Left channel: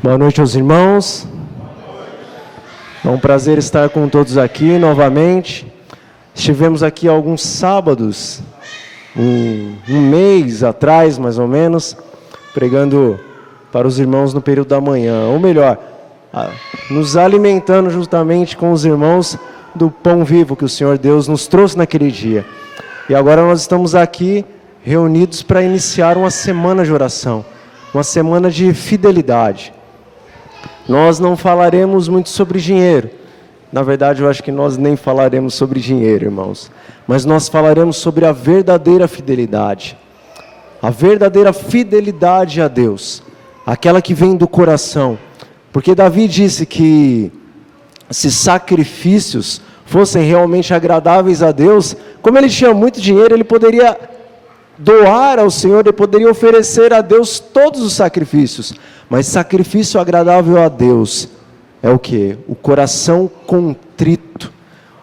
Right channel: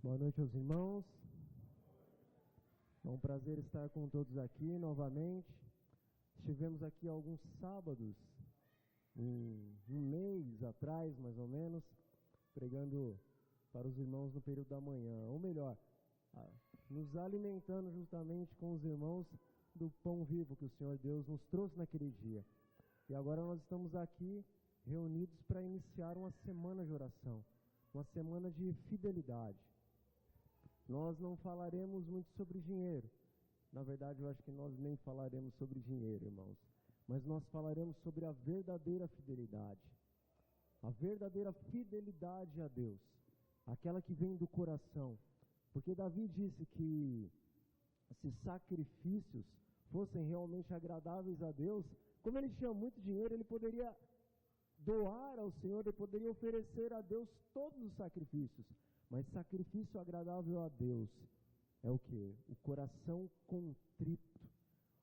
Boa noite aos irmãos. É um prazer estar com todos aqui novamente. Estivemos aqui alguns sábados, um mês atrás mais ou menos, pregando para os irmãos no período da manhã, ou melhor, nos alimentando juntamente com os irmãos do pão vivo que o Senhor Deus nos trouxe naquele dia. E agora nós estamos aqui reunidos para iniciar uma semana de oração, uma semana de fidelidade. Nós não falaremos muito sobre dinheiro. Na verdade, eu acho que nós nem falaremos sobre dinheiro, irmãos. Mas nós falaremos sobre a verdadeira fidelidade. A verdadeira fidelidade a Deus. Aquela que vem do coração. Porque Davi disse que se sacrifícios fossem realmente agradáveis a Deus, como ele tinha muito dinheiro, ele poderia doar ao Senhor, ele poderia oferecer a Deus todos os sacrifícios. Mas sacrifício agradável a Deus é o quê? O coração contrito.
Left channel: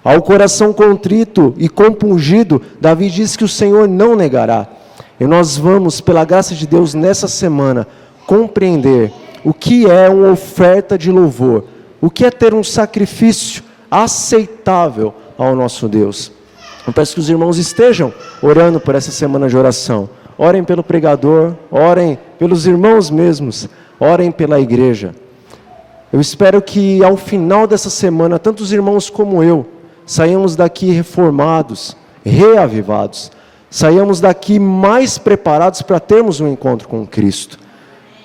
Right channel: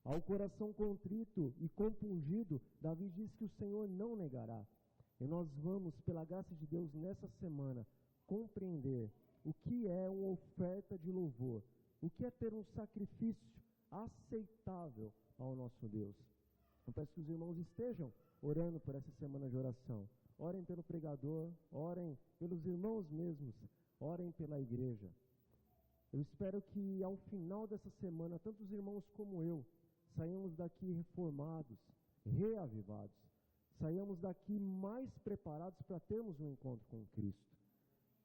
Ao coração contrito e compungido, Davi diz que o Senhor não negará. E nós vamos, pela graça de Deus, nessa semana, compreender o que é uma oferta de louvor, o que é ter um sacrifício aceitável ao nosso Deus. Eu peço que os irmãos estejam orando por essa semana de oração. Orem pelo pregador, orem pelos irmãos mesmos, orem pela igreja. Eu espero que ao final dessa semana, tanto os irmãos como eu, saiamos daqui reformados, reavivados. Saiamos daqui mais preparados para termos um encontro com Cristo.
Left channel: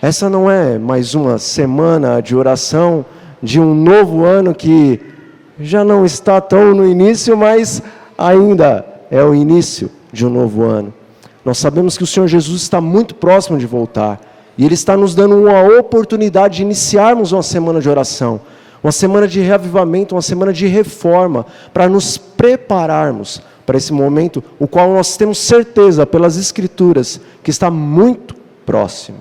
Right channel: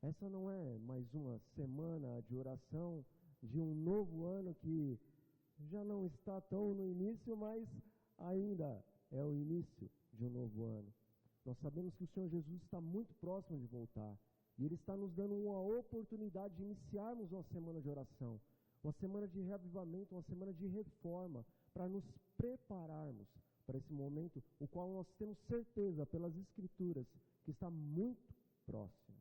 Essa não é mais uma semana de oração de um novo ano que já não está tão no início, mas ainda é o início de um novo ano. Nós sabemos que o Senhor Jesus está muito próximo de voltar. E Ele está nos dando uma oportunidade de iniciarmos uma semana de oração. Uma semana de reavivamento, uma semana de reforma. Para nos prepararmos para esse momento, o qual nós temos certeza, pelas Escrituras, que está muito próximo.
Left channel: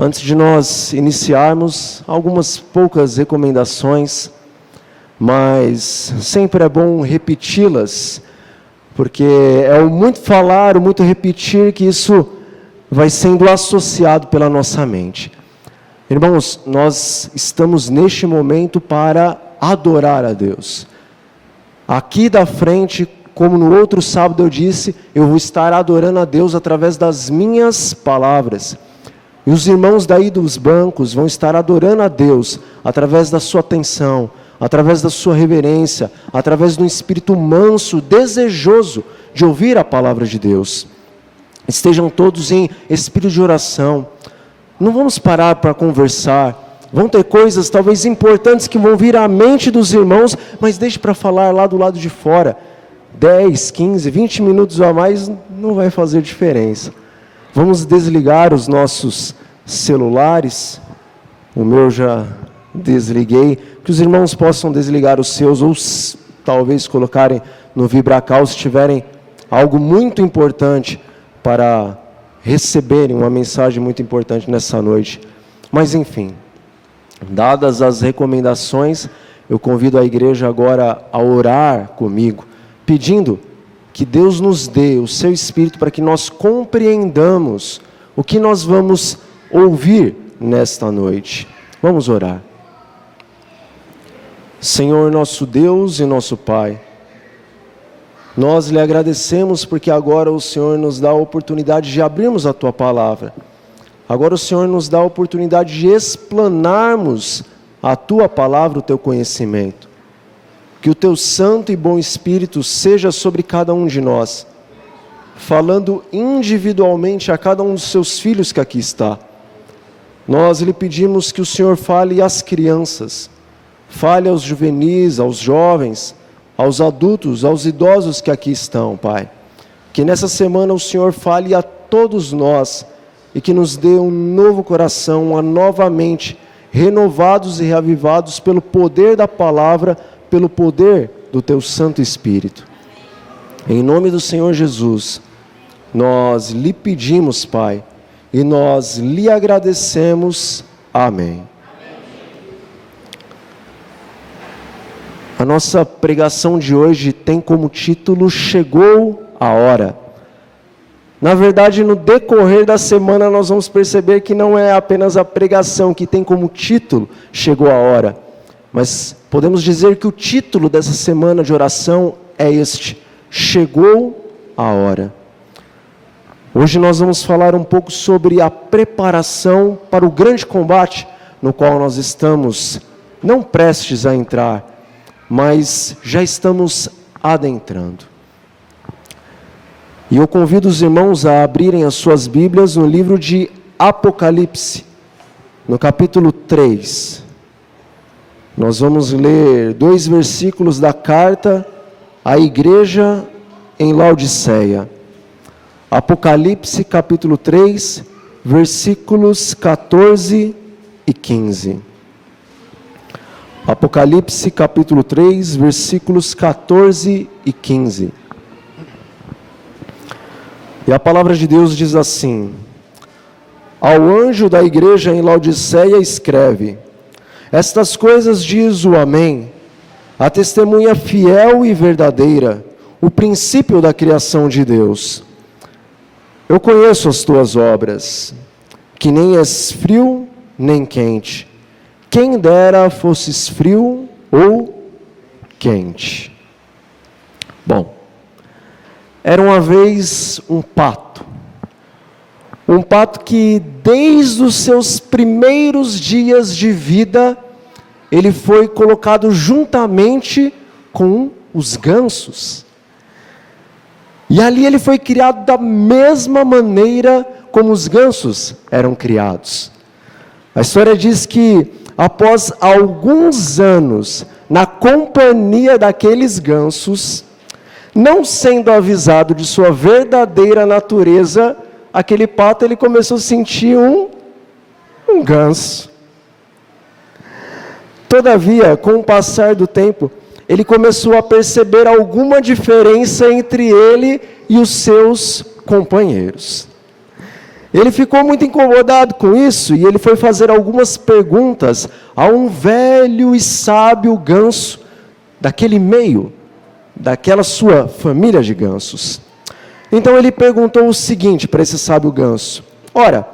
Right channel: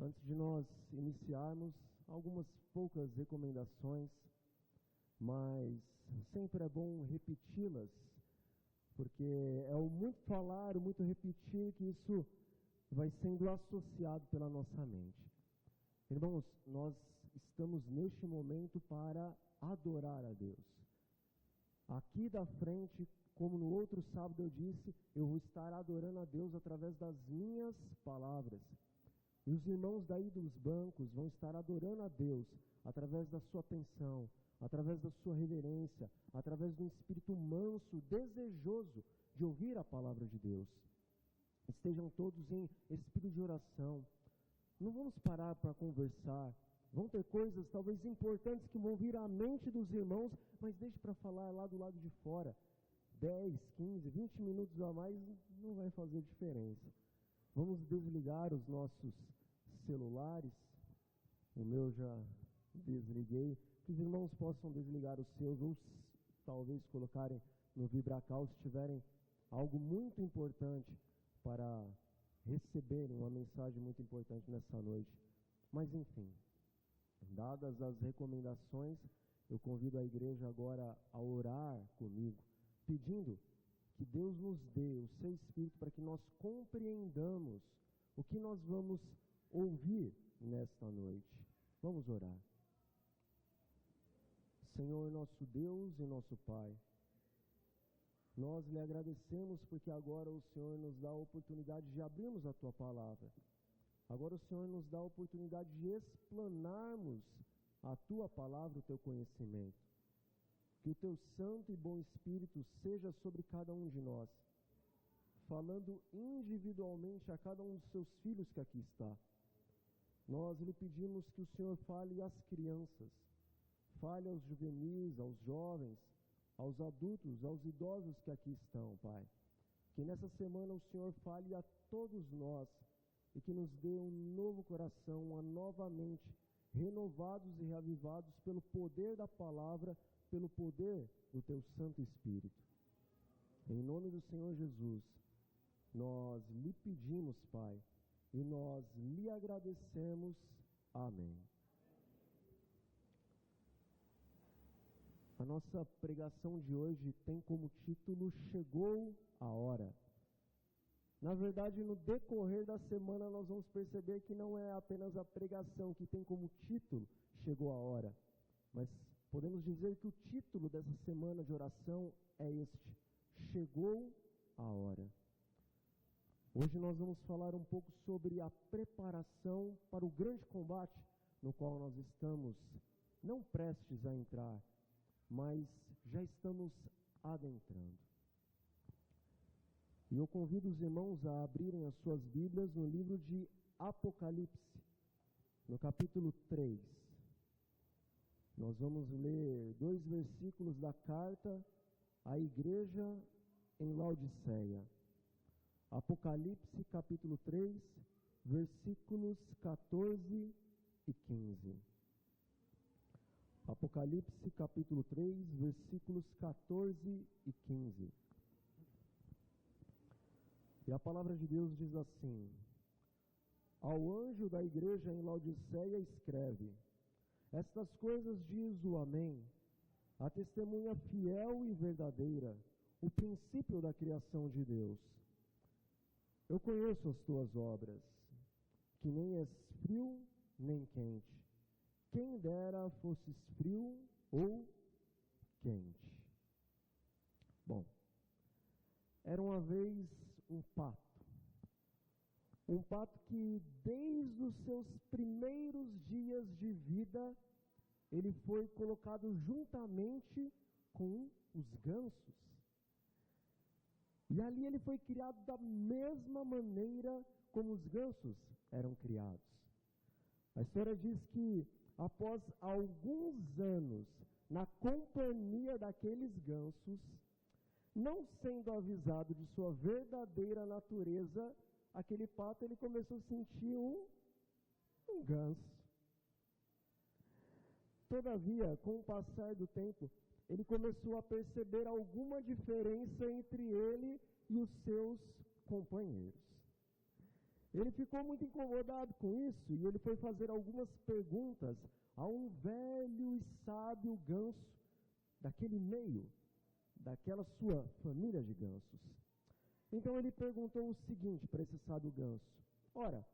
Antes de nós iniciarmos, algumas poucas recomendações, mas sempre é bom repeti-las, porque é o muito falar, o muito repetir, que isso vai sendo associado pela nossa mente. Irmãos, nós estamos neste momento para adorar a Deus. Aqui da frente, como no outro sábado eu disse, eu vou estar adorando a Deus através das minhas palavras. E os irmãos daí dos bancos vão estar adorando a Deus através da sua atenção, através da sua reverência, através de um espírito manso, desejoso de ouvir a palavra de Deus. Estejam todos em espírito de oração. Não vamos parar para conversar. Vão ter coisas talvez importantes que vão vir à mente dos irmãos, mas deixe para falar lá do lado de fora. 10, 15, 20 minutos a mais não vai fazer diferença. Vamos desligar os nossos celulares. O meu já desliguei. Que os irmãos possam desligar os seus, ou talvez colocarem no vibracal se tiverem algo muito importante para receberem uma mensagem muito importante nessa noite. Mas enfim, dadas as recomendações, eu convido a igreja agora a orar comigo, pedindo que Deus nos dê o seu Espírito para que nós compreendamos o que nós vamos ouvir nesta noite. Vamos orar. Senhor, nosso Deus e nosso Pai, nós lhe agradecemos porque agora o Senhor nos dá a oportunidade de abrirmos a Tua Palavra. Agora o Senhor nos dá a oportunidade de explanarmos a Tua Palavra, o Teu conhecimento. Que o Teu Santo e Bom Espírito seja sobre cada um de nós, falando individualmente a cada um dos Seus filhos que aqui está. Nós lhe pedimos que o Senhor fale às crianças, fale aos juvenis, aos jovens, aos adultos, aos idosos que aqui estão, Pai. Que nessa semana o Senhor fale a todos nós e que nos dê um novo coração, uma nova mente, renovados e reavivados pelo poder da palavra, pelo poder do Teu Santo Espírito. Em nome do Senhor Jesus, nós lhe pedimos, Pai, e nós lhe agradecemos. Amém. A nossa pregação de hoje tem como título Chegou a Hora. Na verdade, no decorrer da semana, nós vamos perceber que não é apenas a pregação que tem como título Chegou a Hora, mas podemos dizer que o título dessa semana de oração é este: Chegou a Hora. Hoje nós vamos falar um pouco sobre a preparação para o grande combate no qual nós estamos não prestes a entrar, mas já estamos adentrando. E eu convido os irmãos a abrirem as suas Bíblias no livro de Apocalipse, no capítulo 3. Nós vamos ler 2 versículos da carta à igreja em Laodiceia. Apocalipse, capítulo 3, versículos 14 e 15. Apocalipse, capítulo 3, versículos 14 e 15. E a palavra de Deus diz assim: Ao anjo da igreja em Laodiceia escreve: Estas coisas diz o Amém, a testemunha fiel e verdadeira, o princípio da criação de Deus. Eu conheço as tuas obras, que nem és frio nem quente. Quem dera fosses frio ou quente. Bom, era uma vez um pato que desde os seus primeiros dias de vida, ele foi colocado juntamente com os gansos. E ali ele foi criado da mesma maneira como os gansos eram criados. A história diz que após alguns anos na companhia daqueles gansos, não sendo avisado de sua verdadeira natureza, aquele pato ele começou a sentir um ganso. Todavia, com o passar do tempo, ele começou a perceber alguma diferença entre ele e os seus companheiros. Ele ficou muito incomodado com isso e ele foi fazer algumas perguntas a um velho e sábio ganso daquele meio, daquela sua família de gansos. Então ele perguntou o seguinte para esse sábio ganso: Ora,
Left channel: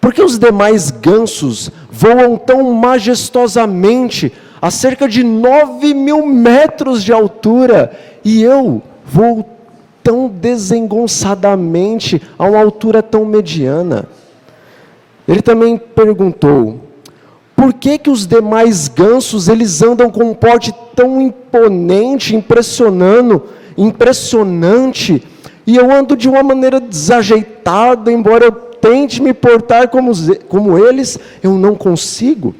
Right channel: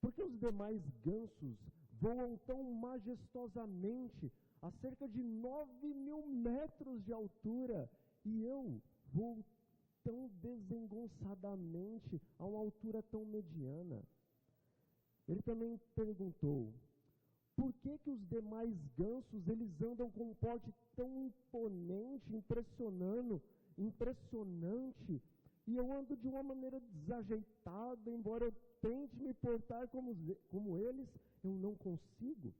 por que os demais gansos voam tão majestosamente a cerca de 9.000 metros de altura e eu voo tão desengonçadamente a uma altura tão mediana? Ele também perguntou: por que os demais gansos eles andam com um porte tão imponente, impressionante, e eu ando de uma maneira desajeitada, embora eu tente me portar como eles, eu não consigo?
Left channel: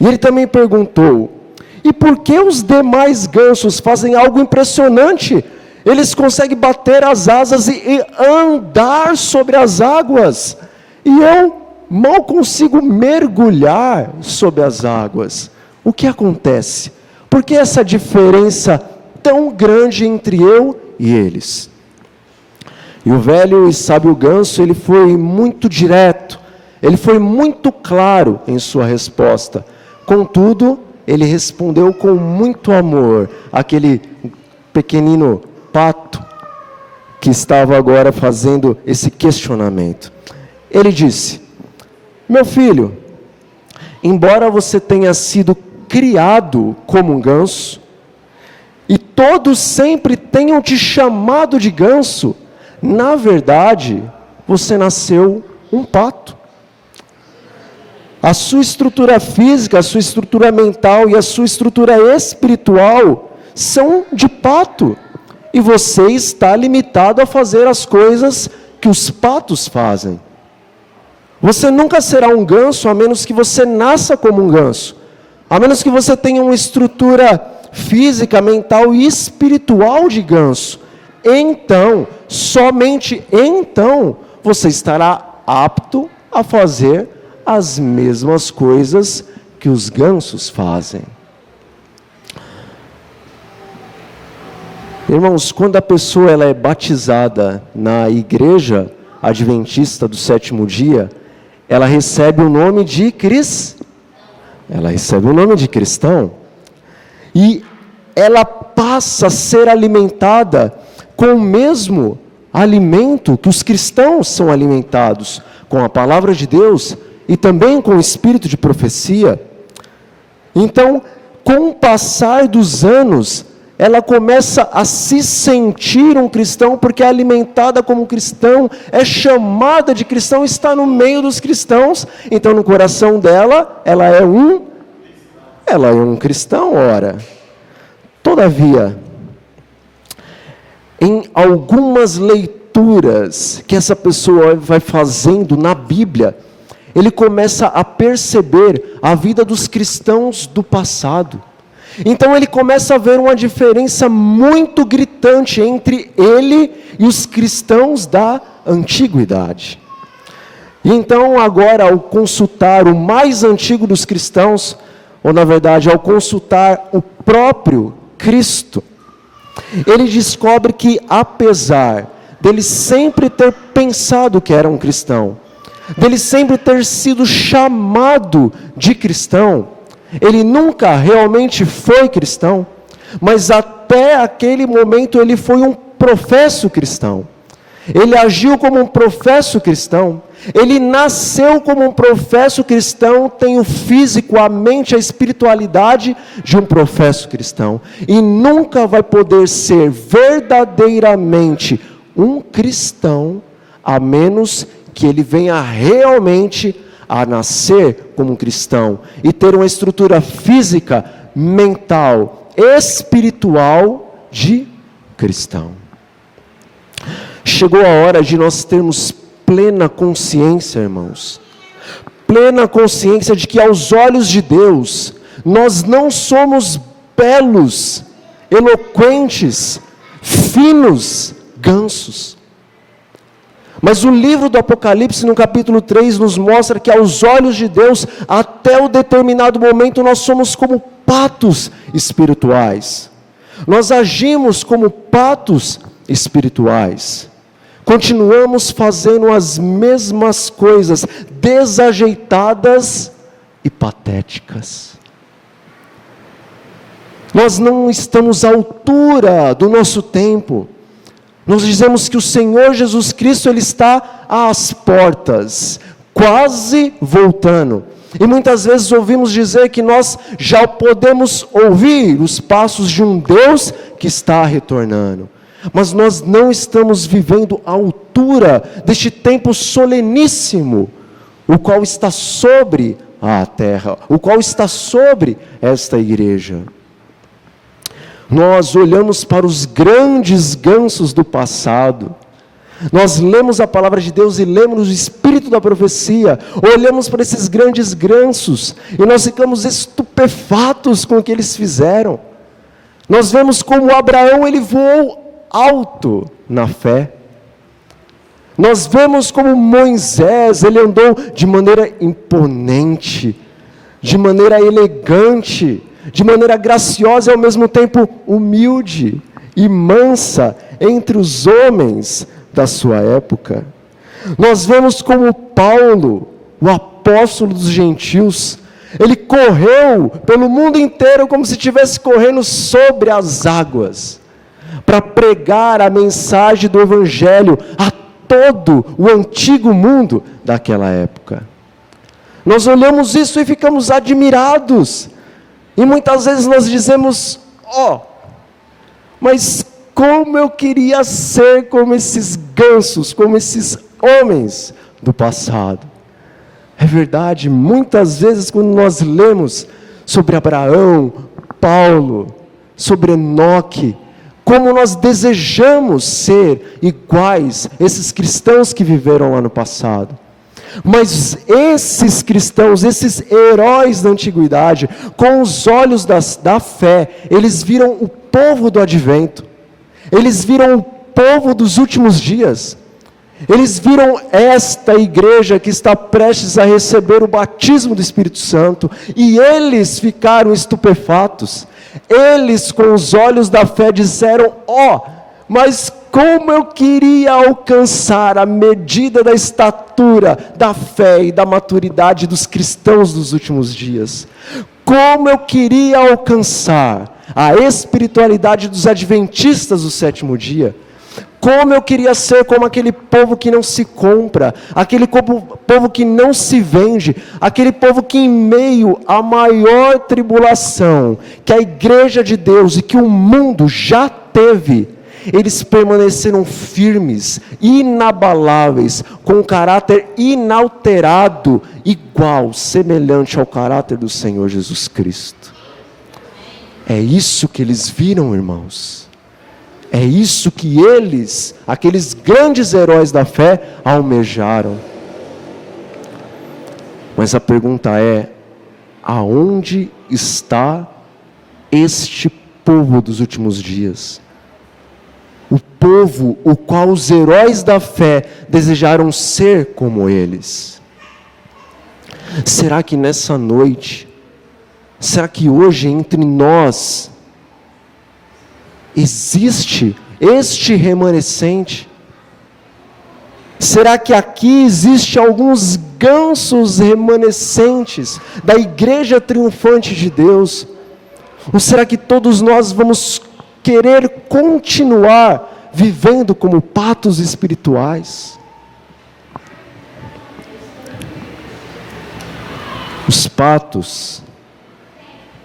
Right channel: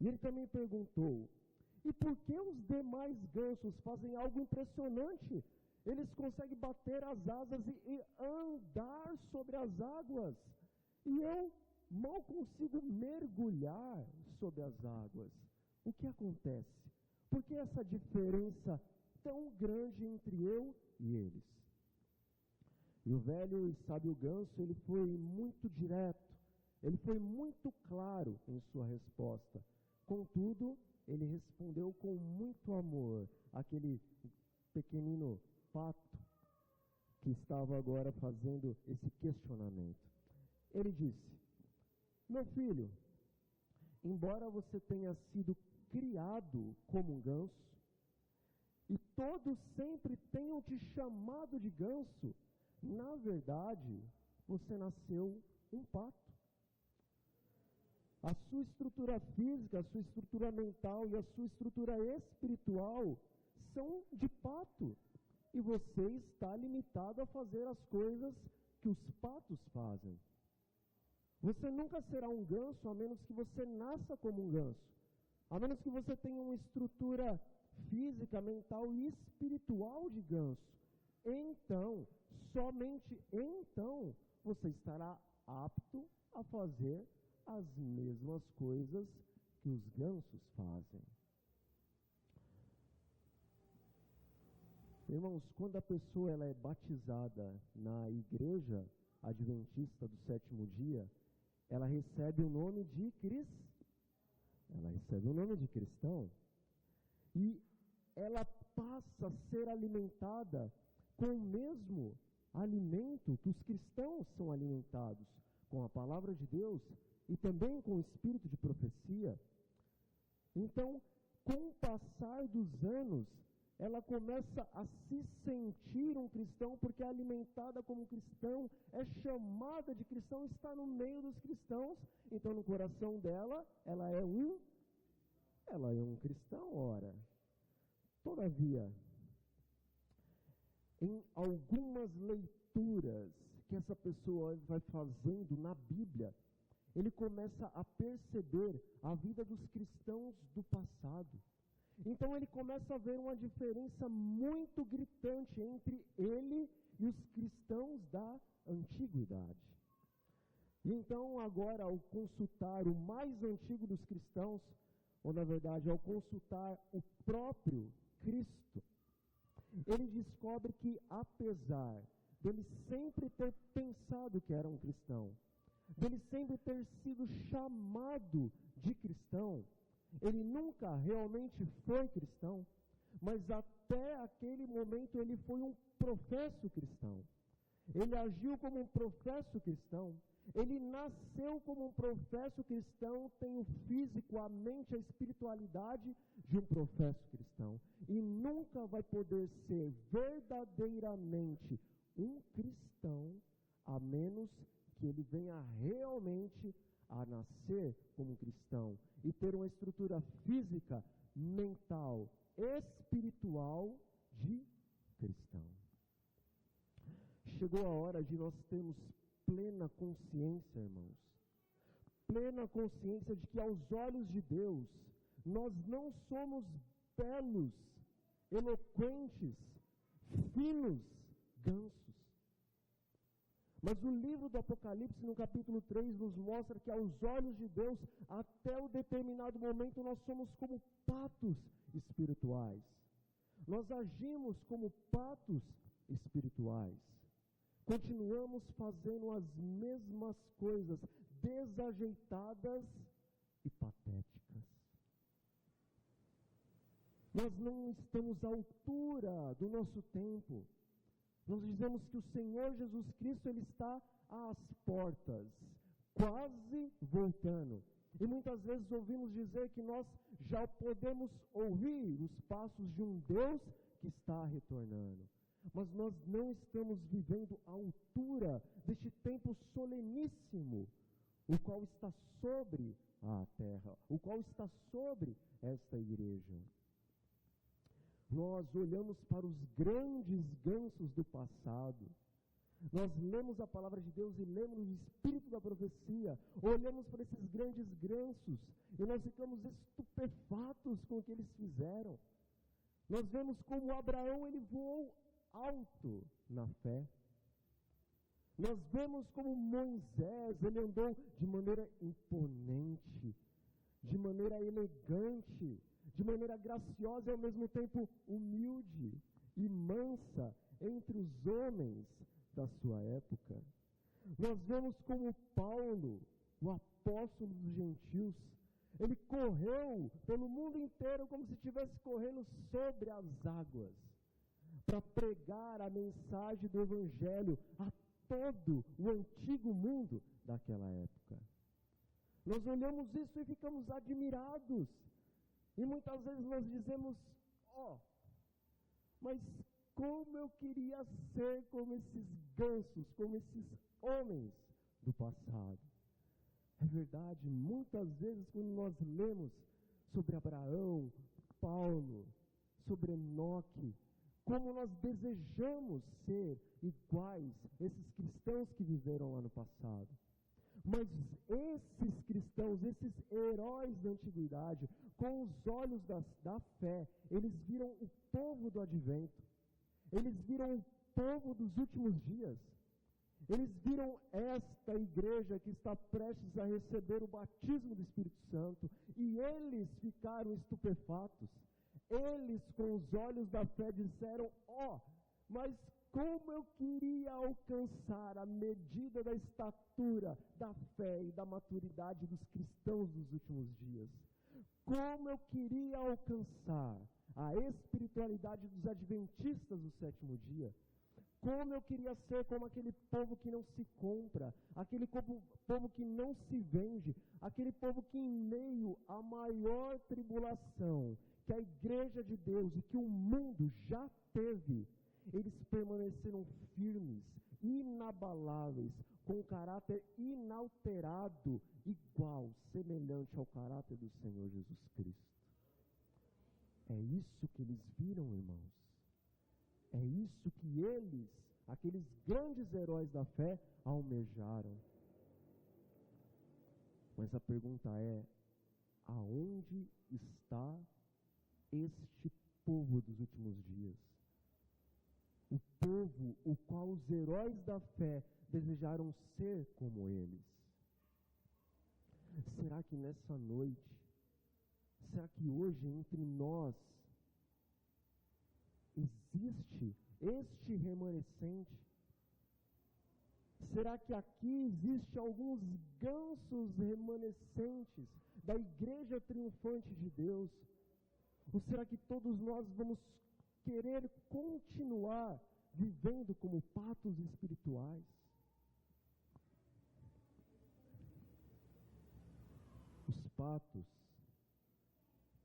E ele também perguntou: e por que os demais gansos fazem algo impressionante? Eles conseguem bater as asas e andar sobre as águas, e eu mal consigo mergulhar sobre as águas. O que acontece? Por que essa diferença tão grande entre eu e eles? E o velho e sábio ganso, ele foi muito direto, ele foi muito claro em sua resposta. Contudo, ele respondeu com muito amor àquele pequenino pato que estava agora fazendo esse questionamento. Ele disse: Meu filho, embora você tenha sido criado como um ganso, e todos sempre tenham te chamado de ganso, na verdade, você nasceu um pato. A sua estrutura física, a sua estrutura mental e a sua estrutura espiritual são de pato. E você está limitado a fazer as coisas que os patos fazem. Você nunca será um ganso a menos que você nasça como um ganso. A menos que você tenha uma estrutura física, mental e espiritual de ganso. Então, somente então, você estará apto a fazer as mesmas coisas que os gansos fazem. Irmãos, quando a pessoa ela é batizada na igreja adventista do sétimo dia, ela recebe o nome de cristão. E ela passa a ser alimentada com o mesmo alimento que os cristãos são alimentados com a palavra de Deus e também com o espírito de profecia. Então, com o passar dos anos, ela começa a se sentir um cristão, porque é alimentada como cristão, é chamada de cristão, está no meio dos cristãos. Então, no coração dela, ela é um cristão, ora. Todavia, em algumas leituras que essa pessoa vai fazendo na Bíblia, ele começa a perceber a vida dos cristãos do passado. Então ele começa a ver uma diferença muito gritante entre ele e os cristãos da antiguidade. E então agora, ao consultar o mais antigo dos cristãos, ou na verdade ao consultar o próprio Cristo, ele descobre que, apesar dele sempre ter pensado que era um cristão, dele sempre ter sido chamado de cristão, ele nunca realmente foi cristão, mas até aquele momento ele foi um professo cristão. Ele agiu como um professo cristão, ele nasceu como um professo cristão, tem o físico, a mente, a espiritualidade de um professo cristão, e nunca vai poder ser verdadeiramente um cristão, a menos que ele venha realmente a nascer como um cristão, e ter uma estrutura física, mental, espiritual de cristão. Chegou a hora de nós termos plena consciência, irmãos, plena consciência de que aos olhos de Deus, nós não somos belos, eloquentes, finos gansos. Mas o livro do Apocalipse, no capítulo 3, nos mostra que aos olhos de Deus, até um determinado momento, nós somos como patos espirituais. Nós agimos como patos espirituais. Continuamos fazendo as mesmas coisas, desajeitadas e patéticas. Nós não estamos à altura do nosso tempo. Nós dizemos que o Senhor Jesus Cristo, Ele está às portas, quase voltando. E muitas vezes ouvimos dizer que nós já podemos ouvir os passos de um Deus que está retornando. Mas nós não estamos vivendo à altura deste tempo soleníssimo, o qual está sobre a terra, o qual está sobre esta igreja. Nós olhamos para os grandes gansos do passado, nós lemos a palavra de Deus e lemos o espírito da profecia, olhamos para esses grandes gansos e nós ficamos estupefatos com o que eles fizeram. Nós vemos como Abraão, ele voou alto na fé. Nós vemos como Moisés, ele andou de maneira imponente, de maneira elegante, de maneira graciosa e ao mesmo tempo humilde e mansa entre os homens da sua época. Nós vemos como Paulo, o apóstolo dos gentios, ele correu pelo mundo inteiro como se estivesse correndo sobre as águas, para pregar a mensagem do Evangelho a todo o antigo mundo daquela época. Nós olhamos isso e ficamos admirados, e muitas vezes nós dizemos: mas como eu queria ser como esses gansos, como esses homens do passado. É verdade, muitas vezes quando nós lemos sobre Abraão, Paulo, sobre Enoque, como nós desejamos ser iguais esses cristãos que viveram lá no passado. Mas esses cristãos, esses heróis da antiguidade, com os olhos da fé, eles viram o povo do advento, eles viram o povo dos últimos dias, eles viram esta igreja que está prestes a receber o batismo do Espírito Santo, e eles ficaram estupefatos. Eles, com os olhos da fé, disseram: mas como eu queria alcançar a medida da estatura, da fé e da maturidade dos cristãos dos últimos dias. Como eu queria alcançar a espiritualidade dos adventistas do sétimo dia. como eu queria ser como aquele povo que não se compra, aquele povo que não se vende, aquele povo que em meio à maior tribulação que a igreja de Deus e que o mundo já teve, eles permaneceram firmes, inabaláveis, com um caráter inalterado, igual, semelhante ao caráter do Senhor Jesus Cristo. É isso que eles viram, irmãos. É isso que eles, aqueles grandes heróis da fé, almejaram. Mas a pergunta é: aonde está este povo dos últimos dias? O povo o qual os heróis da fé desejaram ser como eles. Será que nessa noite, será que hoje entre nós existe este remanescente? Será que aqui existe alguns gansos remanescentes da igreja triunfante de Deus? Ou será que todos nós vamos querer continuar vivendo como patos espirituais? Os patos,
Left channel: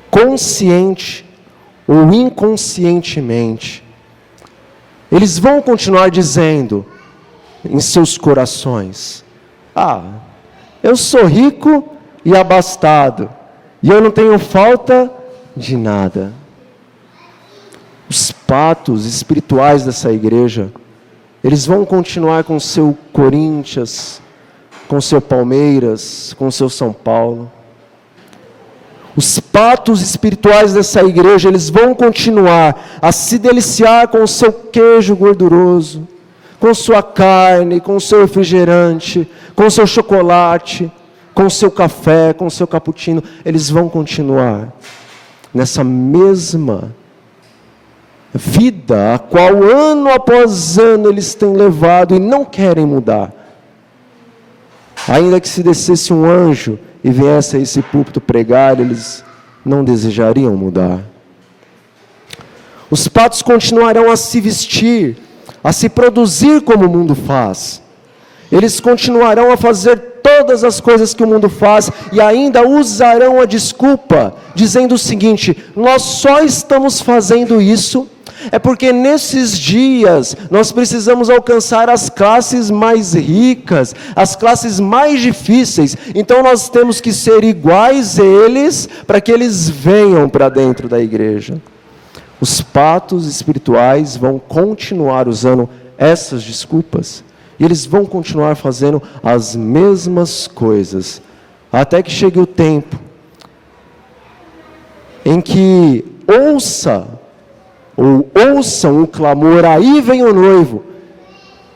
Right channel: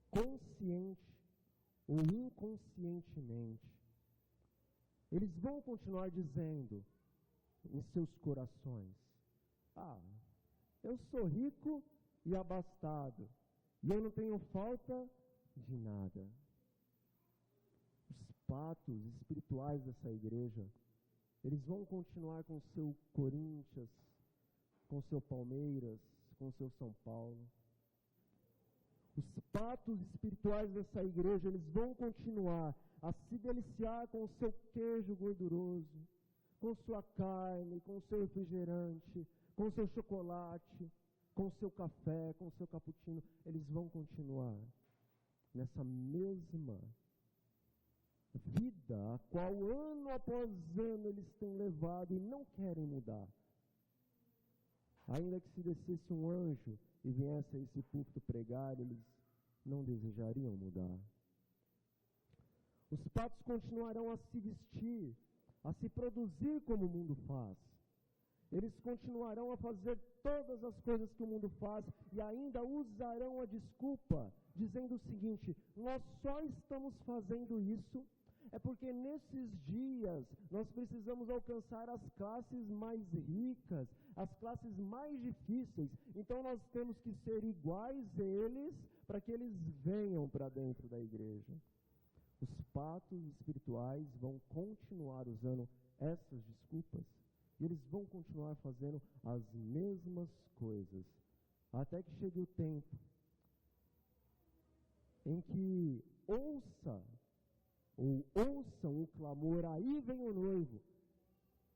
consciente ou inconscientemente, eles vão continuar dizendo em seus corações: eu sou rico e abastado, e eu não tenho falta de nada. Os patos espirituais dessa igreja, eles vão continuar com seu Corinthians, com seu Palmeiras, com seu São Paulo. Os patos espirituais dessa igreja, eles vão continuar a se deliciar com o seu queijo gorduroso, com sua carne, com o seu refrigerante, com o seu chocolate, com o seu café, com o seu cappuccino. Eles vão continuar nessa mesma vida, a qual ano após ano eles têm levado e não querem mudar. Ainda que se descesse um anjo e viesse a esse púlpito pregar, eles não desejariam mudar. Os patos continuarão a se vestir, a se produzir como o mundo faz. Eles continuarão a fazer todas as coisas que o mundo faz e ainda usarão a desculpa, dizendo o seguinte: nós só estamos fazendo isso é porque nesses dias nós precisamos alcançar as classes mais ricas, as classes mais difíceis, então nós temos que ser iguais a eles, para que eles venham para dentro da igreja. Os patos espirituais vão continuar usando essas desculpas, e eles vão continuar fazendo as mesmas coisas, até que chegue o tempo em que ouçam o clamor: aí vem o noivo,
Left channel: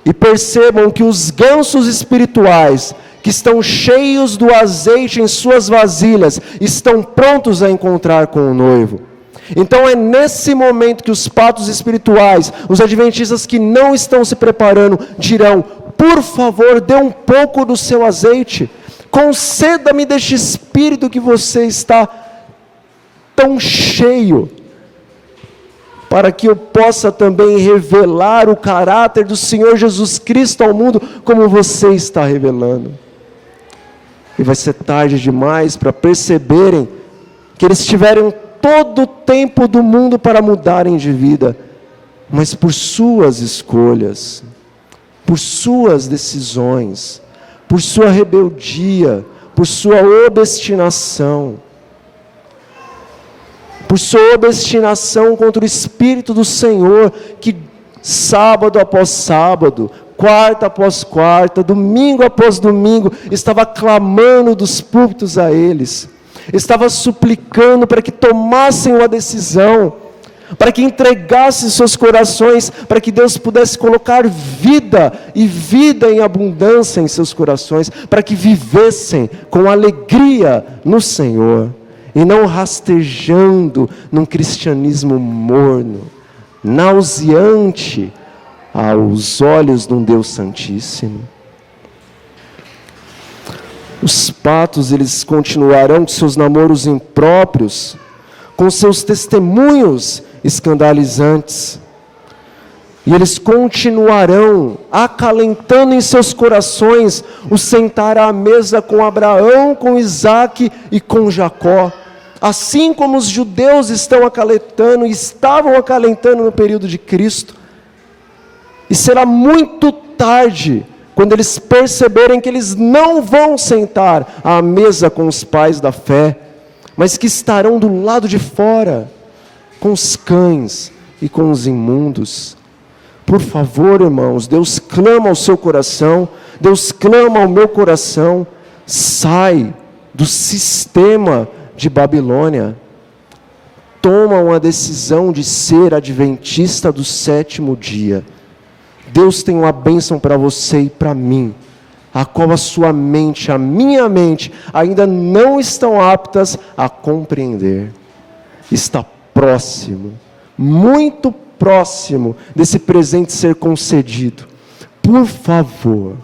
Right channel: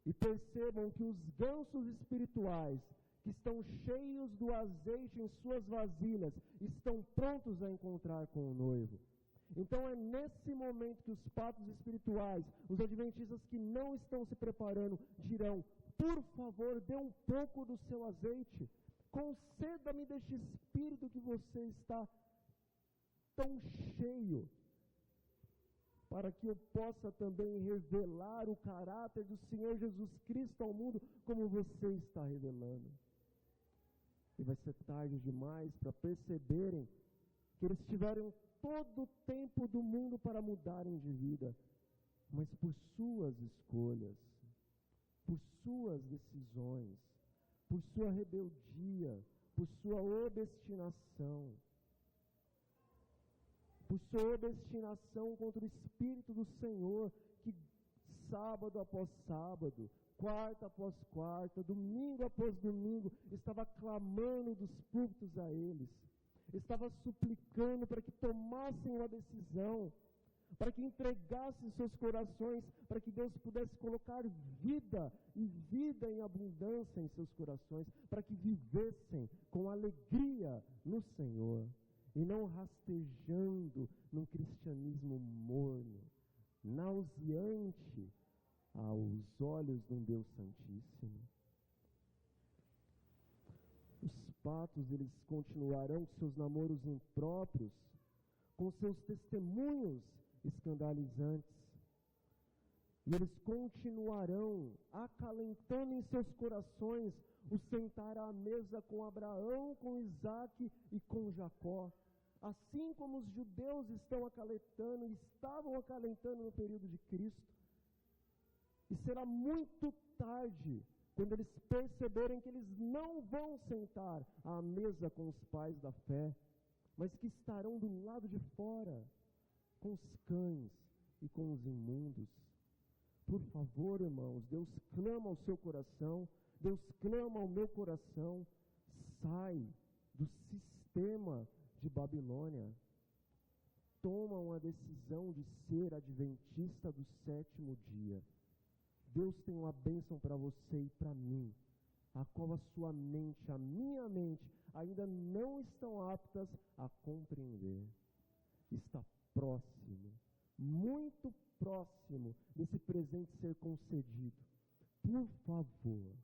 e percebam que os gansos espirituais, que estão cheios do azeite em suas vasilhas, estão prontos a encontrar com o noivo. Então é nesse momento que os patos espirituais, os adventistas que não estão se preparando, dirão: por favor, dê um pouco do seu azeite, conceda-me deste espírito que você está tão cheio, para que eu possa também revelar o caráter do Senhor Jesus Cristo ao mundo, como você está revelando. E vai ser tarde demais para perceberem que eles tiveram todo o tempo do mundo para mudarem de vida, mas por suas escolhas, por suas decisões, por sua rebeldia, por sua obstinação, por sua obstinação contra o Espírito do Senhor, que sábado após sábado, quarta após quarta, domingo após domingo, estava clamando dos púlpitos a eles, estava suplicando para que tomassem uma decisão, para que entregassem seus corações, para que Deus pudesse colocar vida, e vida em abundância em seus corações, para que vivessem com alegria no Senhor, e não rastejando num cristianismo morno, nauseante aos olhos de um Deus Santíssimo. Os patos, eles continuarão com seus namoros impróprios, com seus testemunhos escandalizantes. E eles continuarão acalentando em seus corações o sentar à mesa com Abraão, com Isaque e com Jacó. Assim como os judeus estão acalentando e estavam acalentando no período de Cristo. E será muito tarde quando eles perceberem que eles não vão sentar à mesa com os pais da fé, mas que estarão do lado de fora, com os cães e com os imundos. Por favor, irmãos, Deus clama ao seu coração, Deus clama ao meu coração, sai do sistema de Babilônia, toma uma decisão de ser adventista do sétimo dia. Deus tem uma bênção para você e para mim, a qual a sua mente, a minha mente, ainda não estão aptas a compreender. Está próximo, muito próximo desse presente ser concedido. Por favor,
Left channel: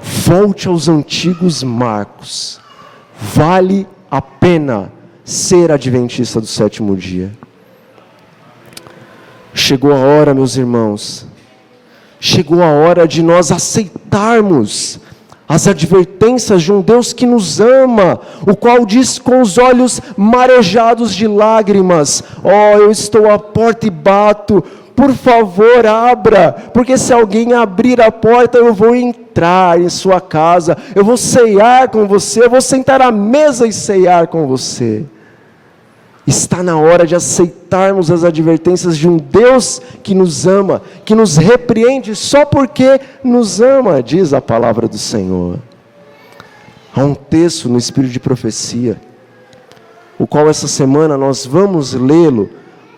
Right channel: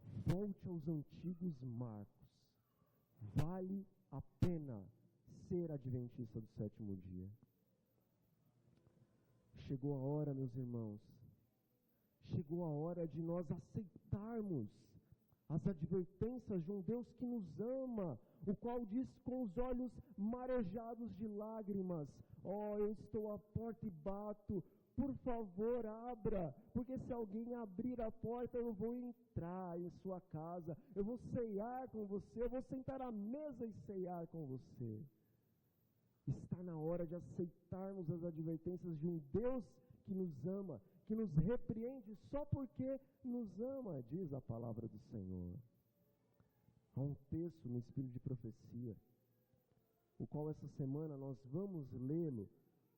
volte aos antigos marcos. Vale a pena ser adventista do sétimo dia. Chegou a hora, meus irmãos, chegou a hora de nós aceitarmos as advertências de um Deus que nos ama, o qual diz com os olhos marejados de lágrimas: ó, eu estou à porta e bato, por favor abra, porque se alguém abrir a porta eu vou entrar em sua casa, eu vou ceiar com você, eu vou sentar à mesa e ceiar com você. Está na hora de aceitarmos as advertências de um Deus que nos ama, que nos repreende só porque nos ama, diz a palavra do Senhor. Há um texto no Espírito de Profecia, o qual essa semana nós vamos lê-lo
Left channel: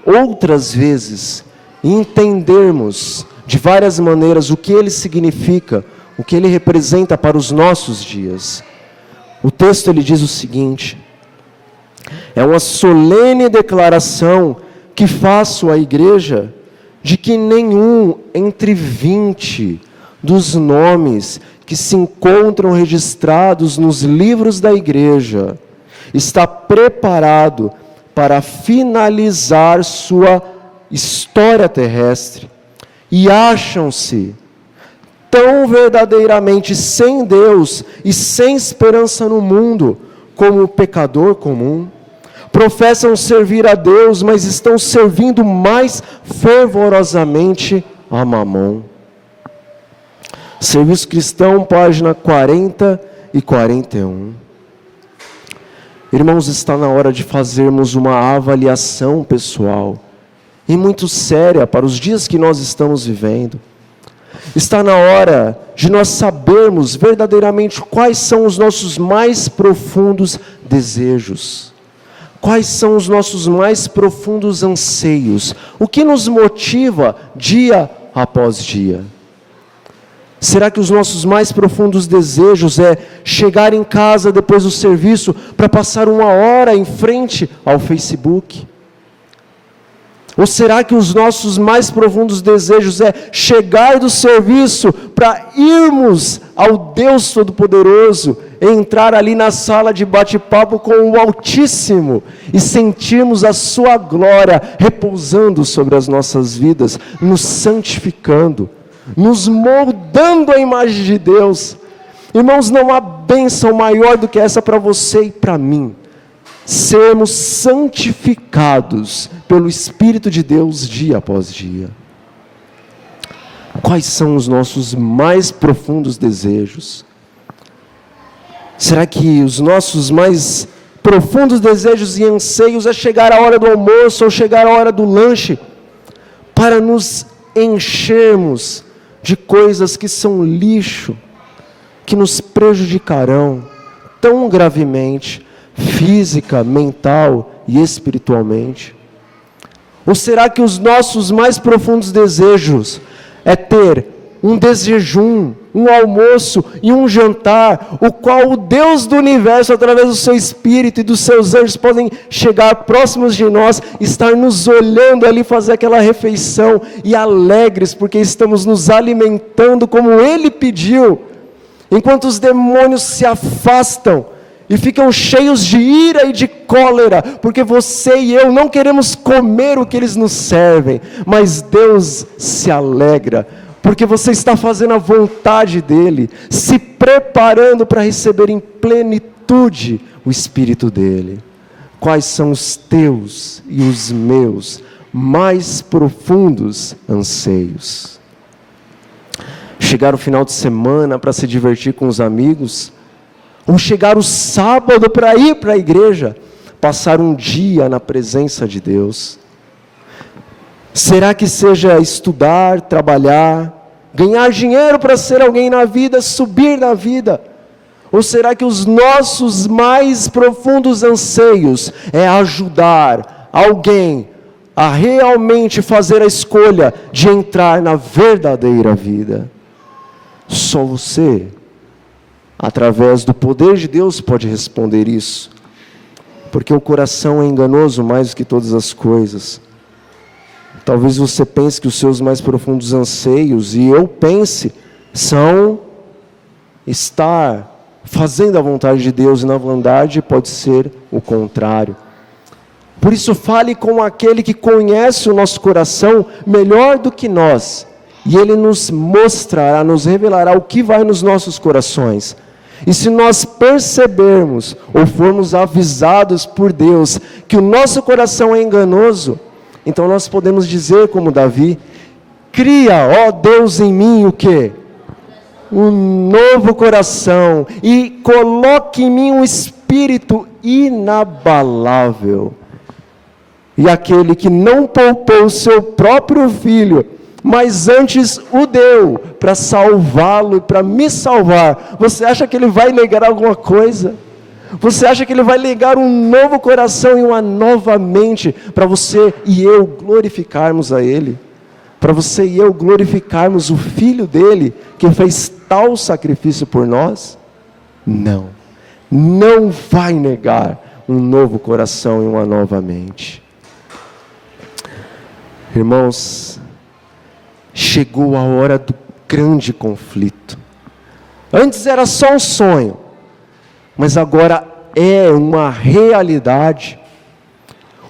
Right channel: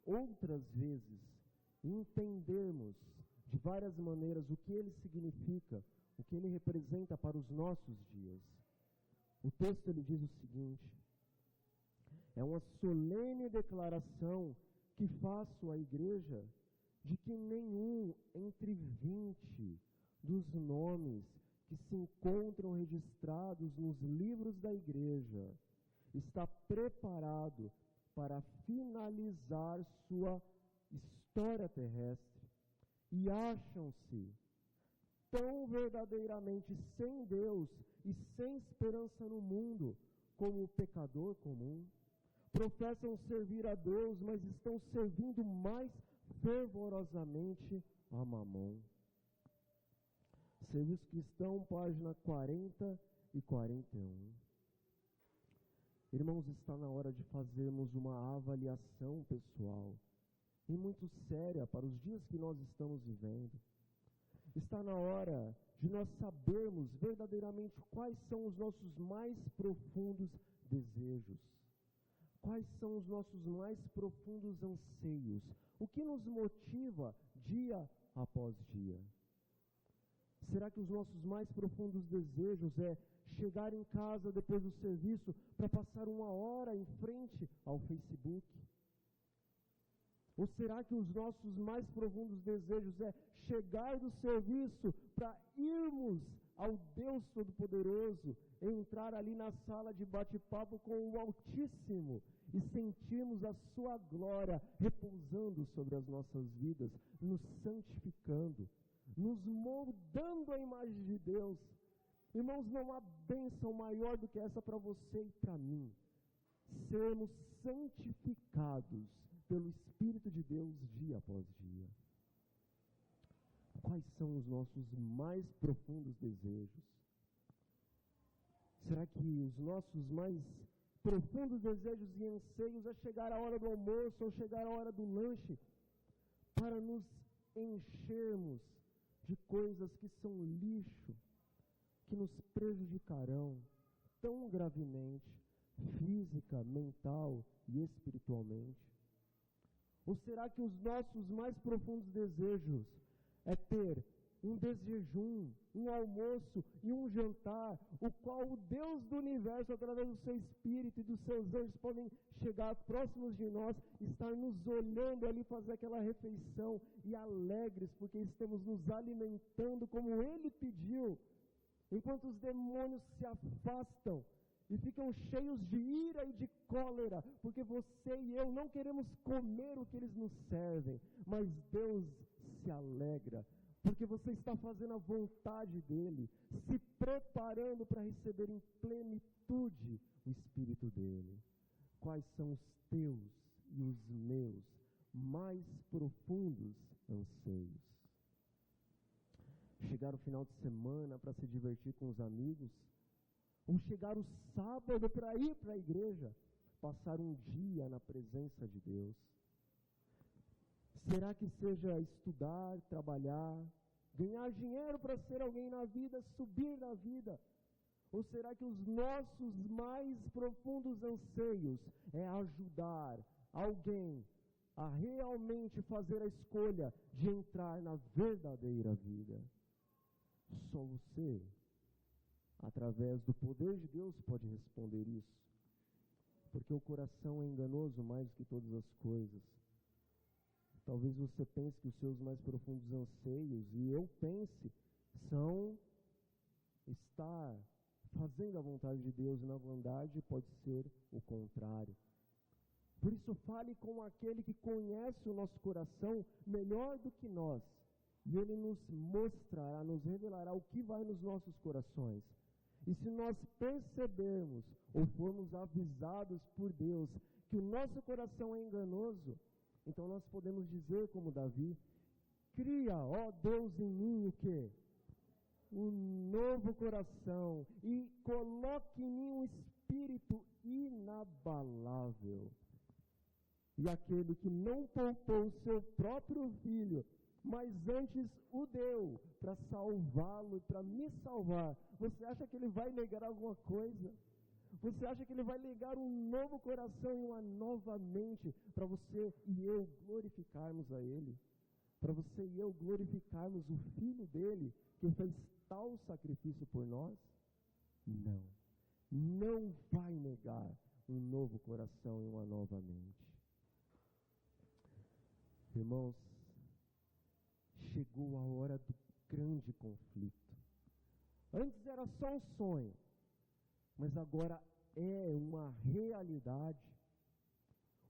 outras vezes e entendermos de várias maneiras o que ele significa, o que ele representa para os nossos dias. O texto ele diz o seguinte: é uma solene declaração que faço à igreja, de que nenhum entre 20 dos nomes que se encontram registrados nos livros da igreja está preparado para finalizar sua história terrestre, e acham-se tão verdadeiramente sem Deus e sem esperança no mundo, como o pecador comum. Professam servir a Deus, mas estão servindo mais fervorosamente a Mamon. Serviço Cristão, página 40 e 41. Irmãos, está na hora de fazermos uma avaliação pessoal, e muito séria, para os dias que nós estamos vivendo. Está na hora de nós sabermos verdadeiramente quais são os nossos mais profundos desejos. Quais são os nossos mais profundos anseios? O que nos motiva dia após dia? Será que os nossos mais profundos desejos é chegar em casa depois do serviço para passar 1 hora em frente ao Facebook? Ou será que os nossos mais profundos desejos é chegar do serviço para irmos ao Deus Todo-Poderoso, entrar ali na sala de bate-papo com o Altíssimo e sentirmos a sua glória repousando sobre as nossas vidas, nos santificando, nos moldando à imagem de Deus? Irmãos, não há bênção maior do que essa para você e para mim. Sermos santificados pelo Espírito de Deus dia após dia. Quais são os nossos mais profundos desejos? Será que os nossos mais profundos desejos e anseios é chegar a hora do almoço ou chegar a hora do lanche para nos enchermos de coisas que são lixo, que nos prejudicarão tão gravemente, física, mental e espiritualmente? Ou será que os nossos mais profundos desejos é ter um desjejum, um almoço e um jantar, o qual o Deus do universo, através do seu Espírito e dos seus anjos, podem chegar próximos de nós, estar nos olhando ali, fazer aquela refeição, e alegres, porque estamos nos alimentando como Ele pediu, enquanto os demônios se afastam, e ficam cheios de ira e de cólera, porque você e eu não queremos comer o que eles nos servem, mas Deus se alegra, porque você está fazendo a vontade dEle, se preparando para receber em plenitude o Espírito dEle. Quais são os teus e os meus mais profundos anseios? Chegar o final de semana para se divertir com os amigos, ou chegar o sábado para ir para a igreja, passar um dia na presença de Deus? Será que seja estudar, trabalhar, ganhar dinheiro para ser alguém na vida, subir na vida? Ou será que os nossos mais profundos anseios é ajudar alguém a realmente fazer a escolha de entrar na verdadeira vida? Só você, através do poder de Deus, pode responder isso, porque o coração é enganoso mais do que todas as coisas. Talvez você pense que os seus mais profundos anseios, e eu pense, são estar fazendo a vontade de Deus, e na verdade pode ser o contrário. Por isso fale com aquele que conhece o nosso coração melhor do que nós, e Ele nos mostrará, nos revelará o que vai nos nossos corações. E se nós percebermos, ou formos avisados por Deus, que o nosso coração é enganoso, então nós podemos dizer como Davi: cria, ó Deus, em mim o quê? Um novo coração, e coloque em mim um espírito inabalável. E aquele que não poupou o seu próprio filho, mas antes o deu para salvá-lo e para me salvar, você acha que Ele vai negar alguma coisa? Você acha que Ele vai negar um novo coração e uma nova mente para você e eu glorificarmos a Ele? Para você e eu glorificarmos o Filho dEle, que fez tal sacrifício por nós? Não, não vai negar um novo coração e uma nova mente. Irmãos, chegou a hora do grande conflito. Antes era só um sonho, mas agora é uma realidade.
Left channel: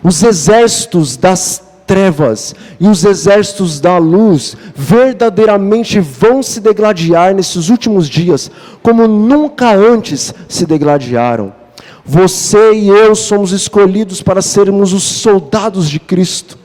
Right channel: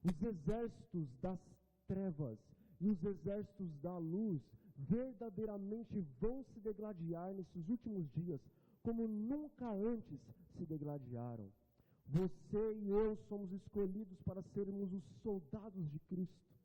Os exércitos das trevas e os exércitos da luz verdadeiramente vão se degladiar nesses últimos dias, como nunca antes se degladiaram. Você e eu somos escolhidos para sermos os soldados de Cristo.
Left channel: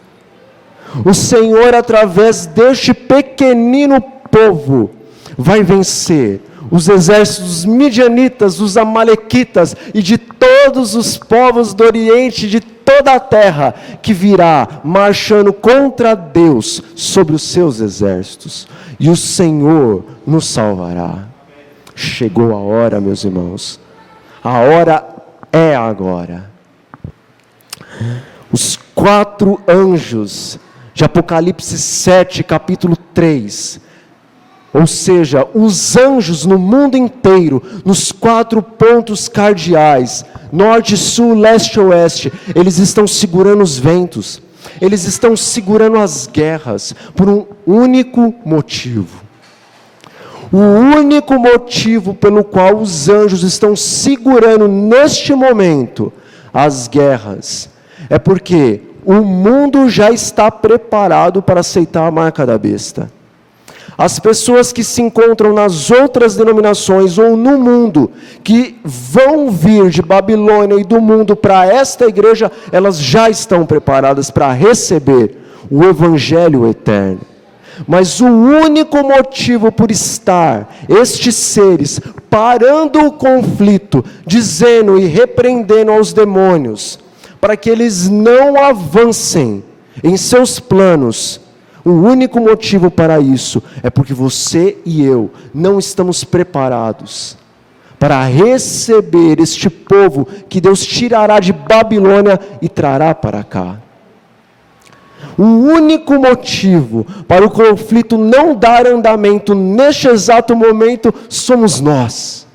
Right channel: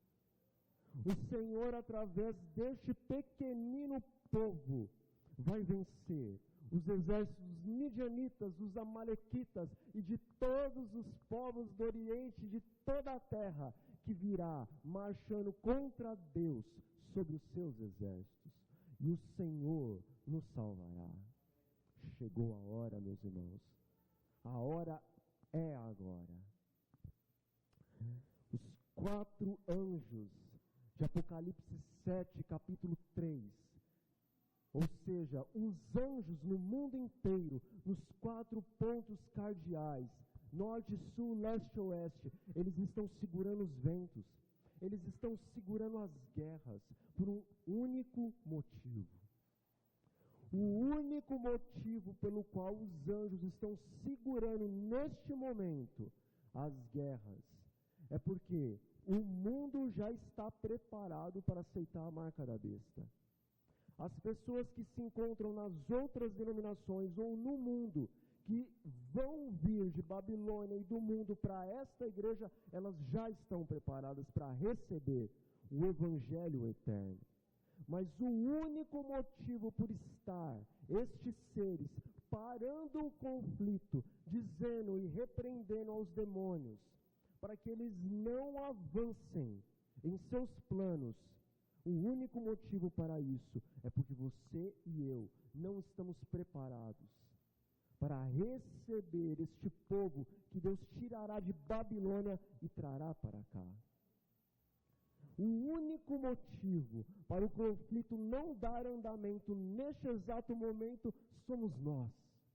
O Senhor, através deste pequenino povo, vai vencer os exércitos midianitas, dos amalequitas e de todos os povos do Oriente, de toda a terra, que virá marchando contra Deus sobre os seus exércitos. E o Senhor nos salvará. Chegou a hora, meus irmãos. A hora é agora. Os 4 anjos de Apocalipse 7, capítulo 3, ou seja, os anjos no mundo inteiro, nos 4 pontos cardeais, norte, sul, leste e oeste, eles estão segurando os ventos, eles estão segurando as guerras, por um único motivo. O único motivo pelo qual os anjos estão segurando neste momento as guerras, é porque o mundo já está preparado para aceitar a marca da besta. As pessoas que se encontram nas outras denominações ou no mundo, que vão vir de Babilônia e do mundo para esta igreja, elas já estão preparadas para receber o Evangelho eterno. Mas o único motivo por estar estes seres parando o conflito, dizendo e repreendendo aos demônios, para que eles não avancem em seus planos, o único motivo para isso é porque você e eu não estamos preparados para receber este povo que Deus tirará de Babilônia e trará para cá. O único motivo para o conflito não dar andamento neste exato momento somos nós.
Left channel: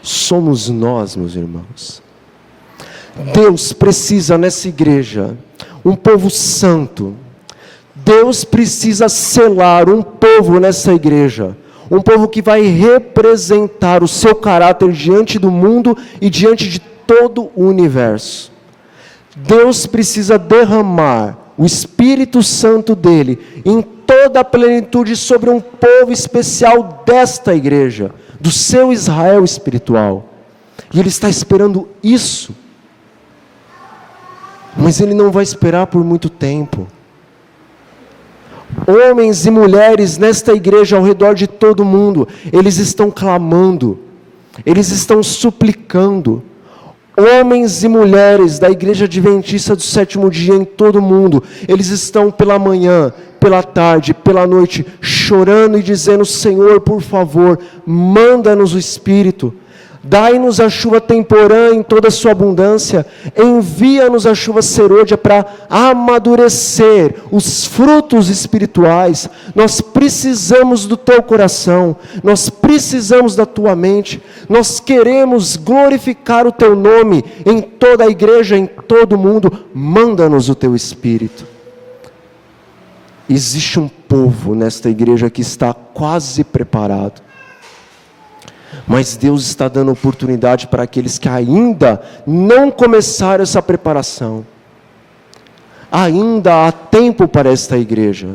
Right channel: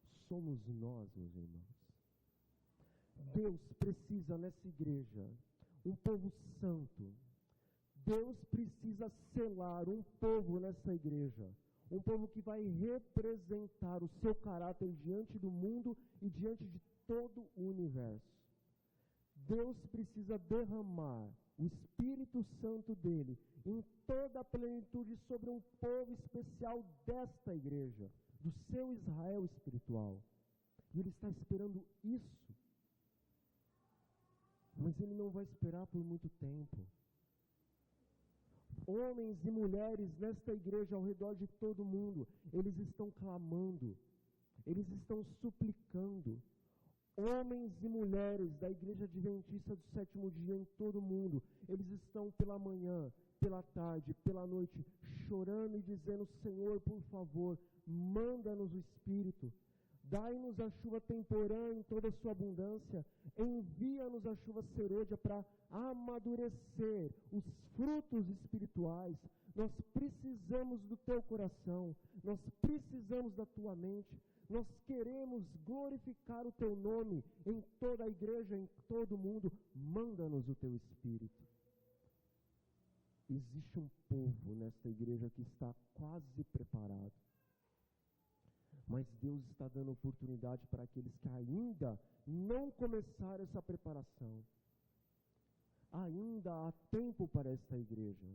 Somos nós, meus irmãos. Deus precisa nessa igreja um povo santo. Deus precisa selar um povo nessa igreja, um povo que vai representar o seu caráter diante do mundo e diante de todo o universo. Deus precisa derramar o Espírito Santo dele em toda a plenitude sobre um povo especial desta igreja, do seu Israel espiritual. E ele está esperando isso. Mas ele não vai esperar por muito tempo. Homens e mulheres nesta igreja ao redor de todo mundo, eles estão clamando, eles estão suplicando. Homens e mulheres da igreja adventista do sétimo dia em todo o mundo, eles estão pela manhã, pela tarde, pela noite, chorando e dizendo: Senhor, por favor, manda-nos o Espírito. Dai-nos a chuva temporã em toda a sua abundância, envia-nos a chuva serôdia para amadurecer os frutos espirituais. Nós precisamos do teu coração, nós precisamos da tua mente, nós queremos glorificar o teu nome em toda a igreja, em todo o mundo. Manda-nos o teu Espírito. Existe um povo nesta igreja que está quase preparado. Mas Deus está dando oportunidade para aqueles que ainda não começaram essa preparação. Ainda há tempo para esta igreja.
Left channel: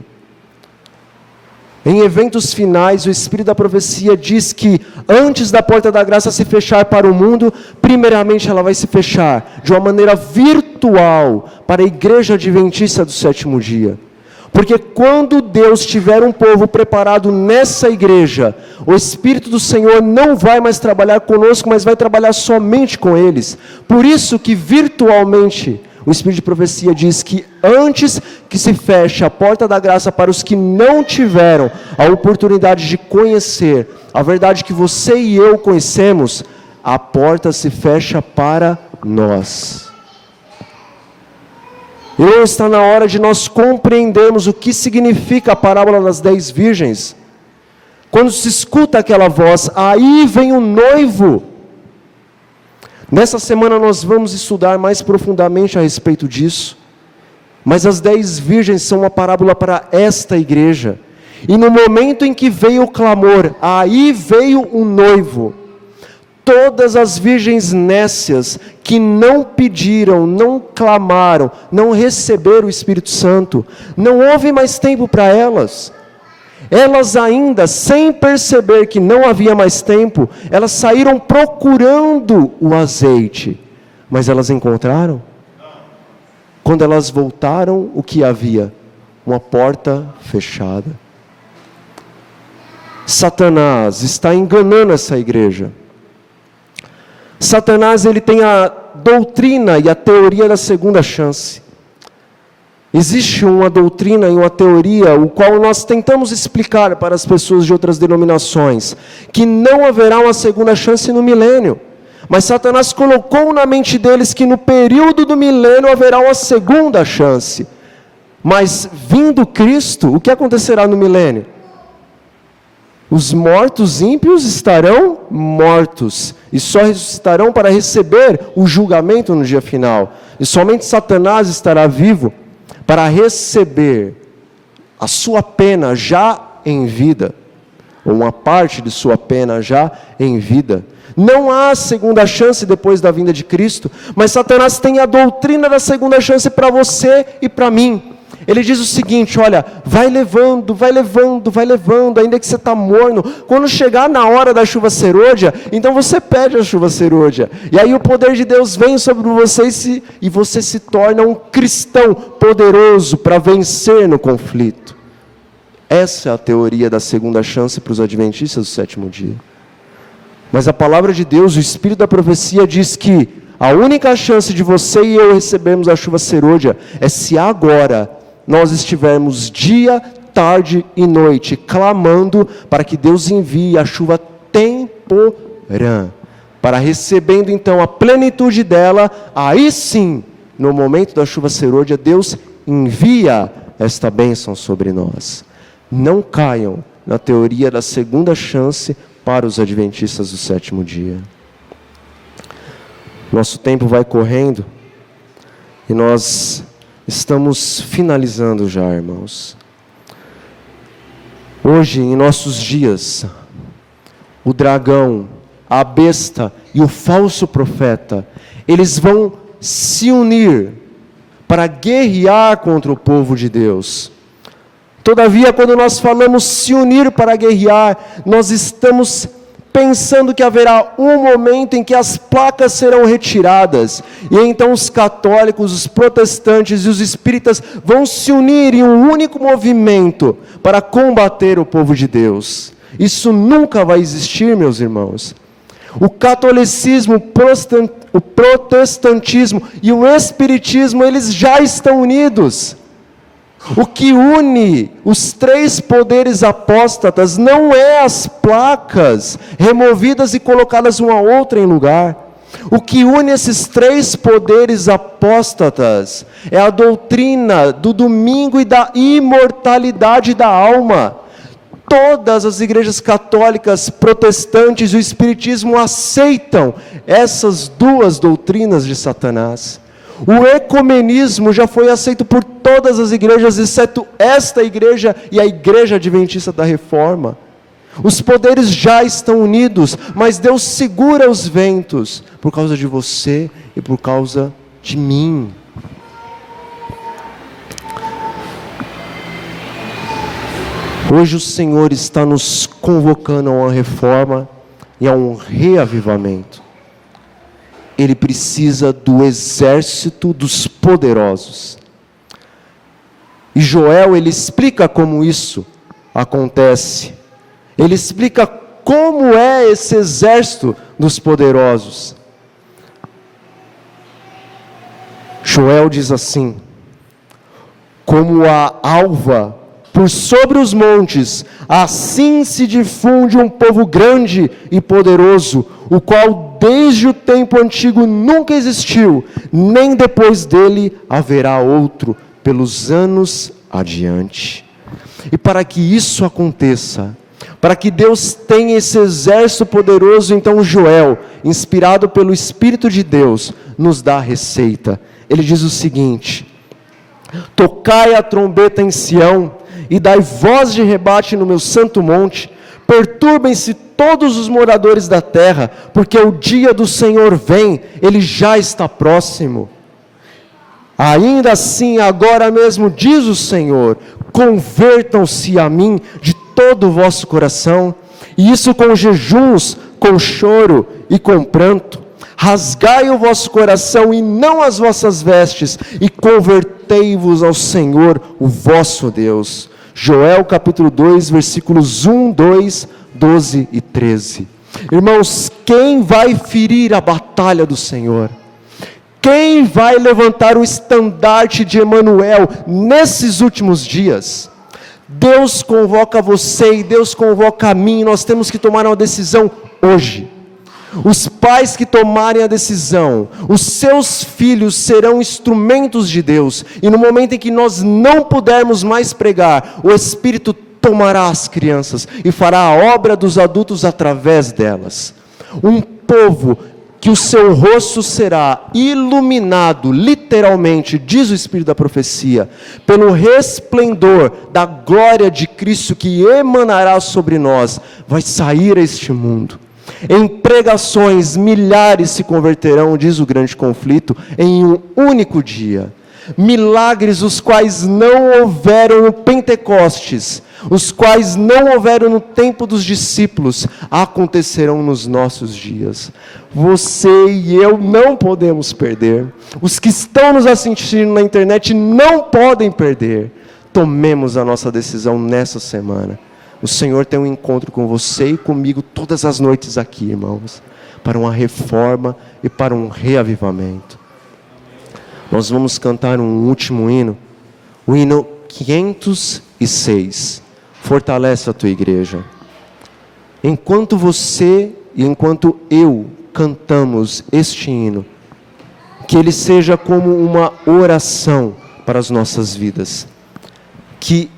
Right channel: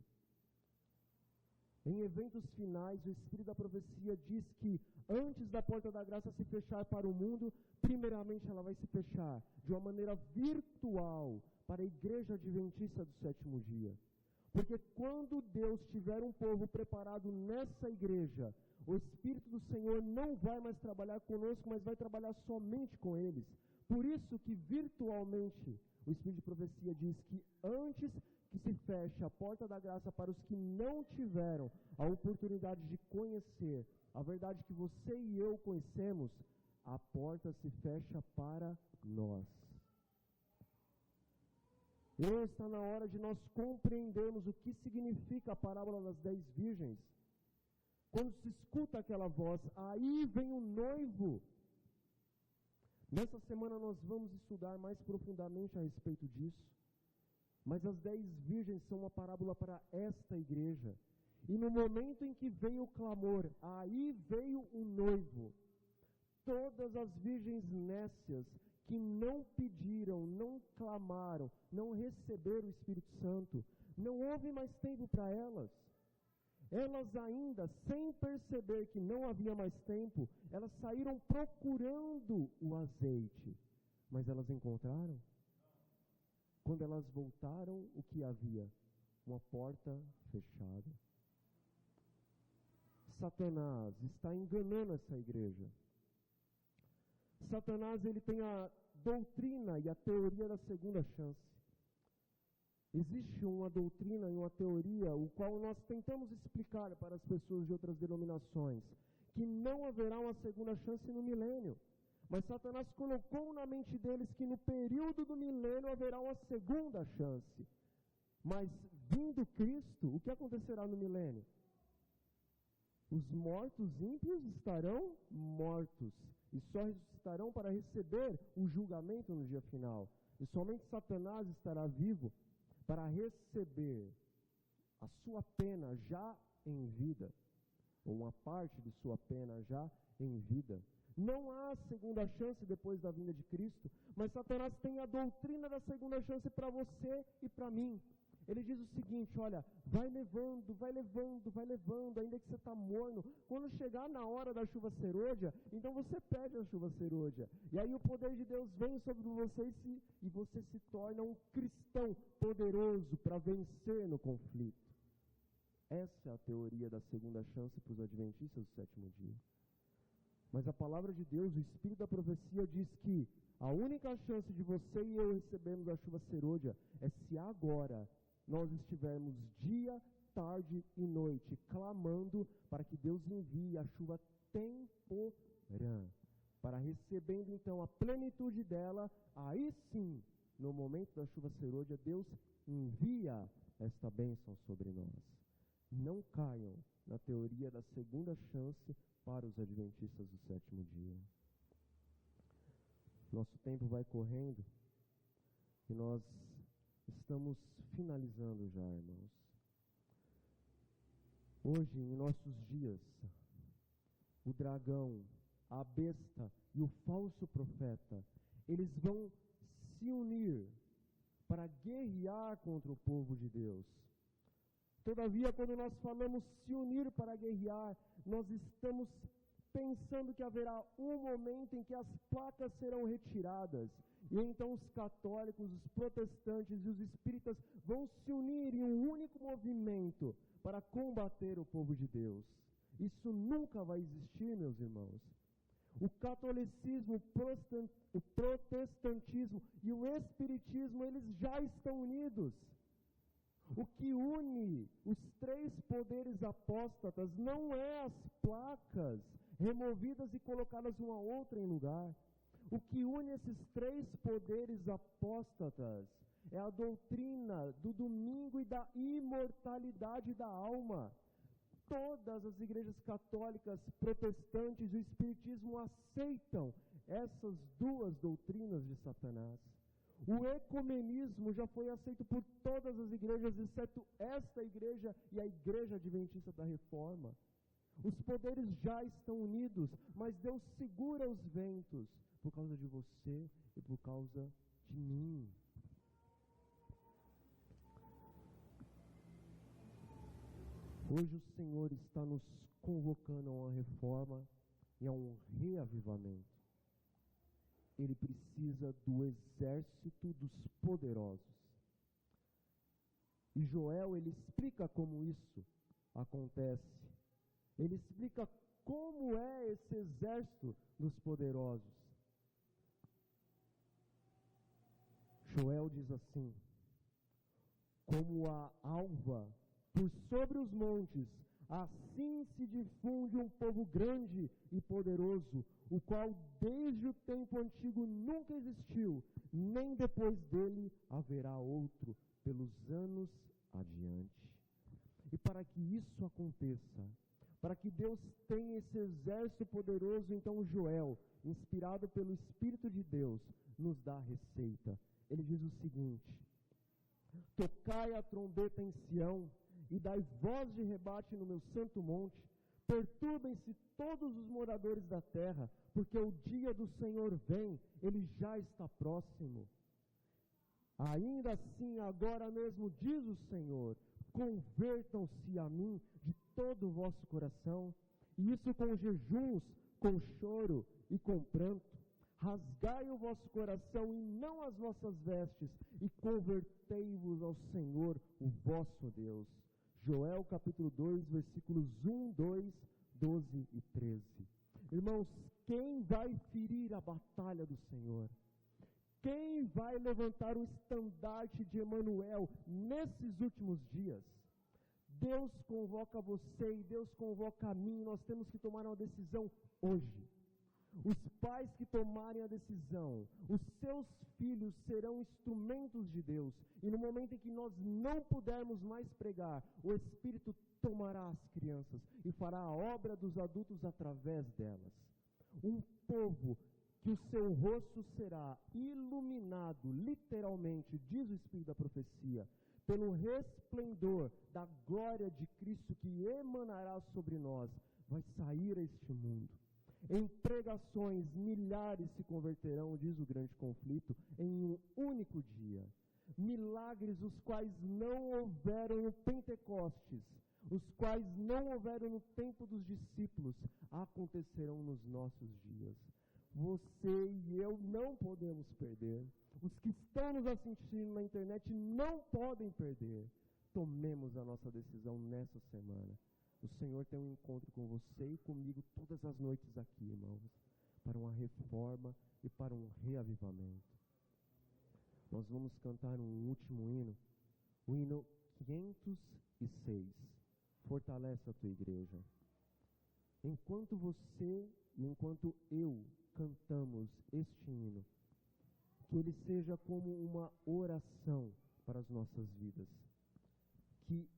Em eventos finais, o Espírito da profecia diz que antes da porta da graça se fechar para o mundo, primeiramente ela vai se fechar de uma maneira virtual para a igreja adventista do sétimo dia. Porque quando Deus tiver um povo preparado nessa igreja, o Espírito do Senhor não vai mais trabalhar conosco, mas vai trabalhar somente com eles. Por isso que virtualmente o Espírito de profecia diz que antes que se feche a porta da graça para os que não tiveram a oportunidade de conhecer a verdade que você e eu conhecemos, a porta se fecha para nós. E está na hora de nós compreendermos o que significa a parábola das 10 virgens. Quando se escuta aquela voz, aí vem o noivo. Nessa semana nós vamos estudar mais profundamente a respeito disso. Mas as 10 virgens são uma parábola para esta igreja. E no momento em que veio o clamor, aí veio o noivo. Todas as virgens nécias que não pediram, não clamaram, não receberam o Espírito Santo, não houve mais tempo para elas. Elas ainda, sem perceber que não havia mais tempo, elas saíram procurando o azeite. Mas elas encontraram? Quando elas voltaram, o que havia? Uma porta fechada. Satanás está enganando essa igreja. Satanás, ele tem a doutrina e a teoria da segunda chance. Existe uma doutrina e uma teoria, o qual nós tentamos explicar para as pessoas de outras denominações, que não haverá uma segunda chance no milênio. Mas Satanás colocou na mente deles que no período do milênio haverá uma segunda chance. Mas vindo Cristo, o que acontecerá no milênio? Os mortos ímpios estarão mortos e só ressuscitarão para receber o julgamento no dia final. E somente Satanás estará vivo para receber a sua pena já em vida, ou uma parte de sua pena já em vida. Não há segunda chance depois da vinda de Cristo, mas Satanás tem a doutrina da segunda chance para você e para mim. Ele diz o seguinte: olha, vai levando, ainda que você está morno. Quando chegar na hora da chuva serôdia, então você pede a chuva serôdia. E aí o poder de Deus vem sobre você e você se torna um cristão poderoso para vencer no conflito. Essa é a teoria da segunda chance para os adventistas do sétimo dia. Mas a palavra de Deus, o Espírito da profecia diz que a única chance de você e eu recebermos a chuva serôdia é se agora nós estivermos dia, tarde e noite clamando para que Deus envie a chuva temporã, para recebendo então a plenitude dela, aí sim, no momento da chuva serôdia, Deus envia esta bênção sobre nós. Não caiam na teoria da segunda chance para os adventistas do sétimo dia. Nosso tempo vai correndo e nós estamos finalizando já, irmãos. Hoje, em nossos dias, o dragão, a besta e o falso profeta, eles vão se unir para guerrear contra o povo de Deus. Todavia, quando nós falamos se unir para guerrear, nós estamos pensando que haverá um momento em que as placas serão retiradas, e então os católicos, os protestantes e os espíritas vão se unir em um único movimento para combater o povo de Deus. Isso nunca vai existir, meus irmãos. O catolicismo, o protestantismo e o espiritismo, eles já estão unidos. O que une os três poderes apóstatas não é as placas removidas e colocadas uma a outra em lugar. O que une esses três poderes apóstatas é a doutrina do domingo e da imortalidade da alma. Todas as igrejas católicas, protestantes e o espiritismo aceitam essas duas doutrinas de Satanás. O ecumenismo já foi aceito por todas as igrejas, exceto esta igreja e a Igreja Adventista da Reforma. Os poderes já estão unidos, mas Deus segura os ventos por causa de você e por causa de mim. Hoje o Senhor está nos convocando a uma reforma e a um reavivamento. Ele precisa do exército dos poderosos. E Joel, ele explica como isso acontece. Ele explica como é esse exército dos poderosos. Joel diz assim: como a alva por sobre os montes, assim se difunde um povo grande e poderoso, o qual desde o tempo antigo nunca existiu, nem depois dele haverá outro, pelos anos adiante. E para que isso aconteça, para que Deus tenha esse exército poderoso, então Joel, inspirado pelo Espírito de Deus, nos dá a receita. Ele diz o seguinte: tocai a trombeta em Sião, e dai voz de rebate no meu santo monte, perturbem-se todos os moradores da terra, porque o dia do Senhor vem, ele já está próximo. Ainda assim, agora mesmo, diz o Senhor, convertam-se a mim de todo o vosso coração, e isso com jejuns, com choro e com pranto. Rasgai o vosso coração e não as vossas vestes, e convertei-vos ao Senhor, o vosso Deus. Joel capítulo 2, versículos 1, 2, 12 e 13. Irmãos, quem vai ferir a batalha do Senhor? Quem vai levantar o estandarte de Emanuel nesses últimos dias? Deus convoca você e Deus convoca a mim. Nós temos que tomar uma decisão hoje. Os pais que tomarem a decisão, os seus filhos serão instrumentos de Deus, e no momento em que nós não pudermos mais pregar, o Espírito tomará as crianças e fará a obra dos adultos através delas. Um povo que o seu rosto será iluminado, literalmente, diz o Espírito da profecia, pelo resplendor da glória de Cristo que emanará sobre nós, vai sair a este mundo. Em pregações, milhares se converterão, diz o grande conflito, em um único dia. Milagres os quais não houveram no Pentecostes, os quais não houveram no tempo dos discípulos, acontecerão nos nossos dias. Você e eu não podemos perder. Os que estão nos assistindo na internet não podem perder. Tomemos a nossa decisão nessa semana. O Senhor tem um encontro com você e comigo todas as noites aqui, irmãos, para uma reforma e para um reavivamento. Nós vamos cantar um último hino, o hino 506. Fortalece a tua igreja. Enquanto você e enquanto eu cantamos este hino, que ele seja como uma oração para as nossas vidas. Que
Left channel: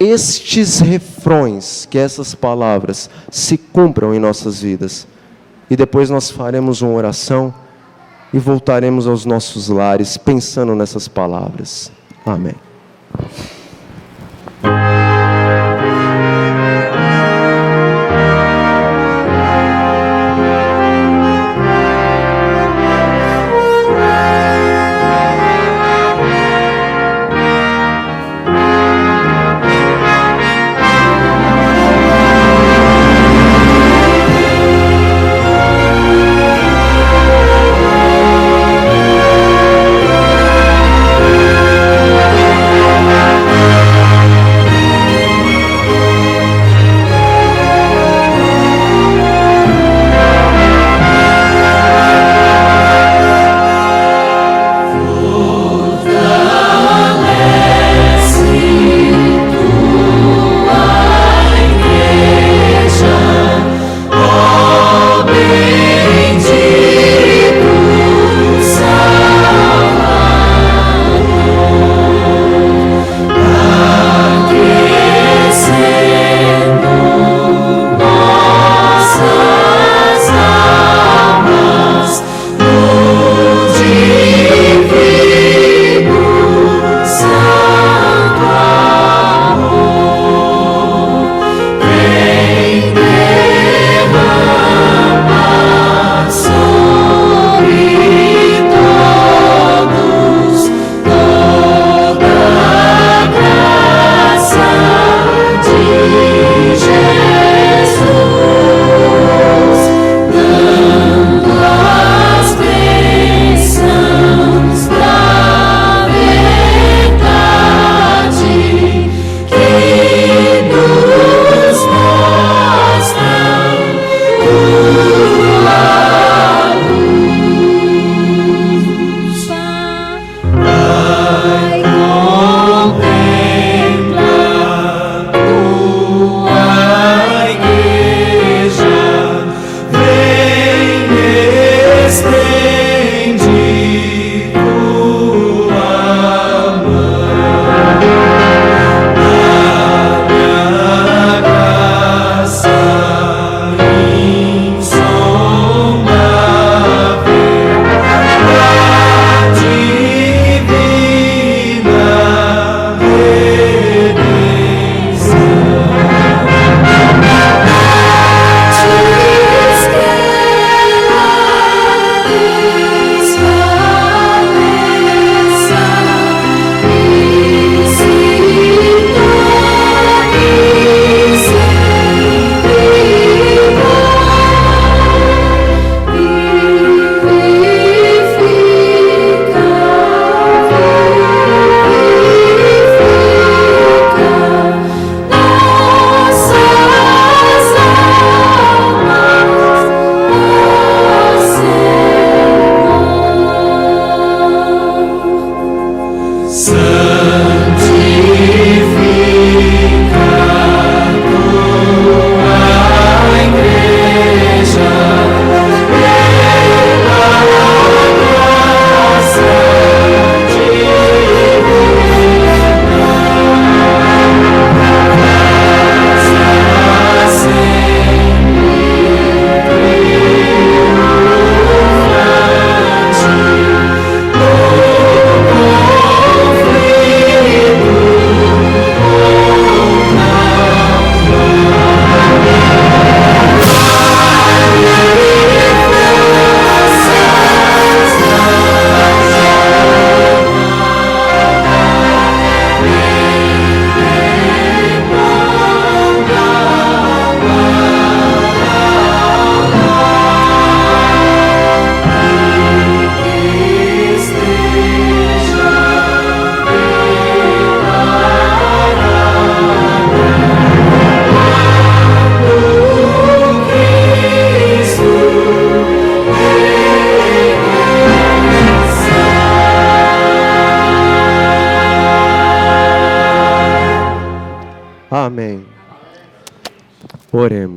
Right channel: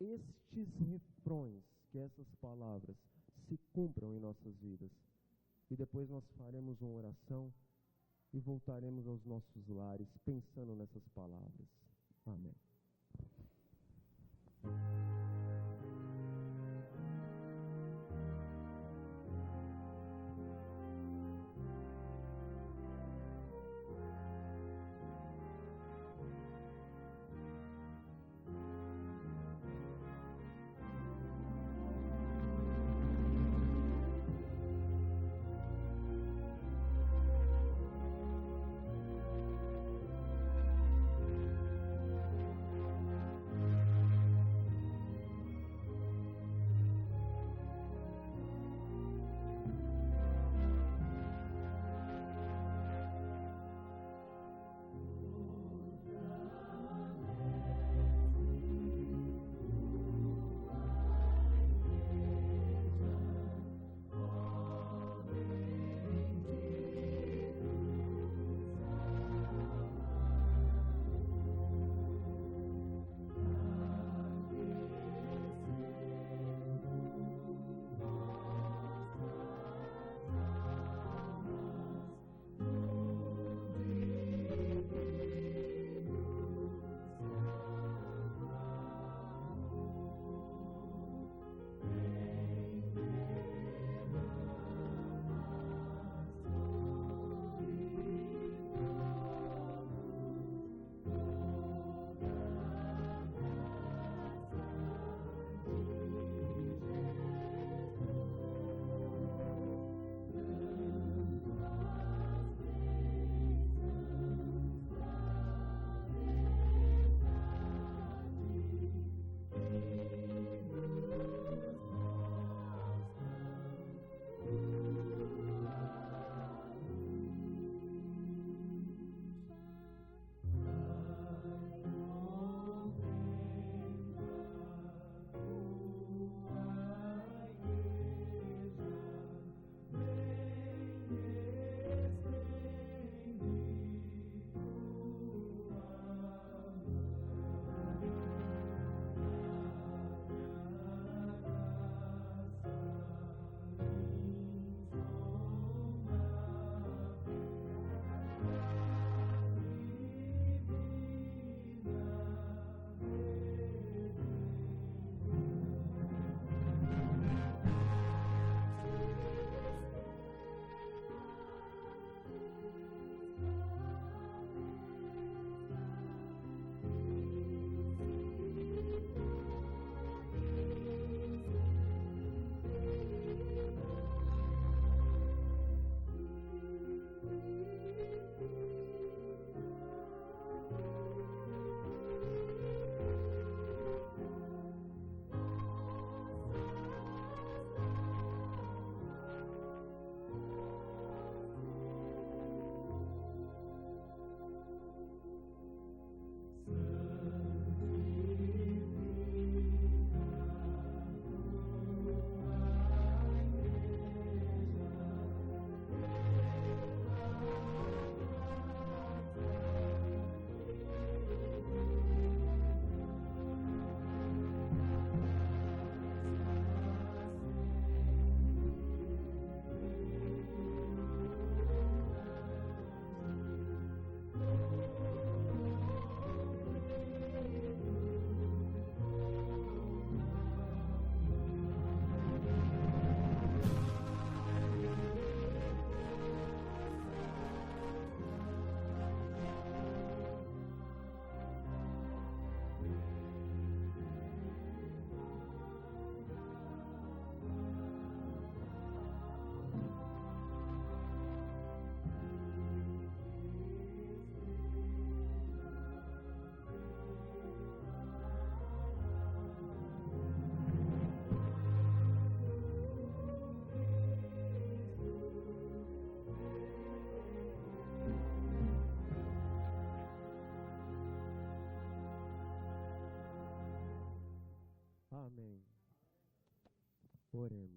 estes refrões, que essas palavras se cumpram em nossas vidas. E depois nós faremos uma oração e voltaremos aos nossos lares pensando nessas palavras. Amém.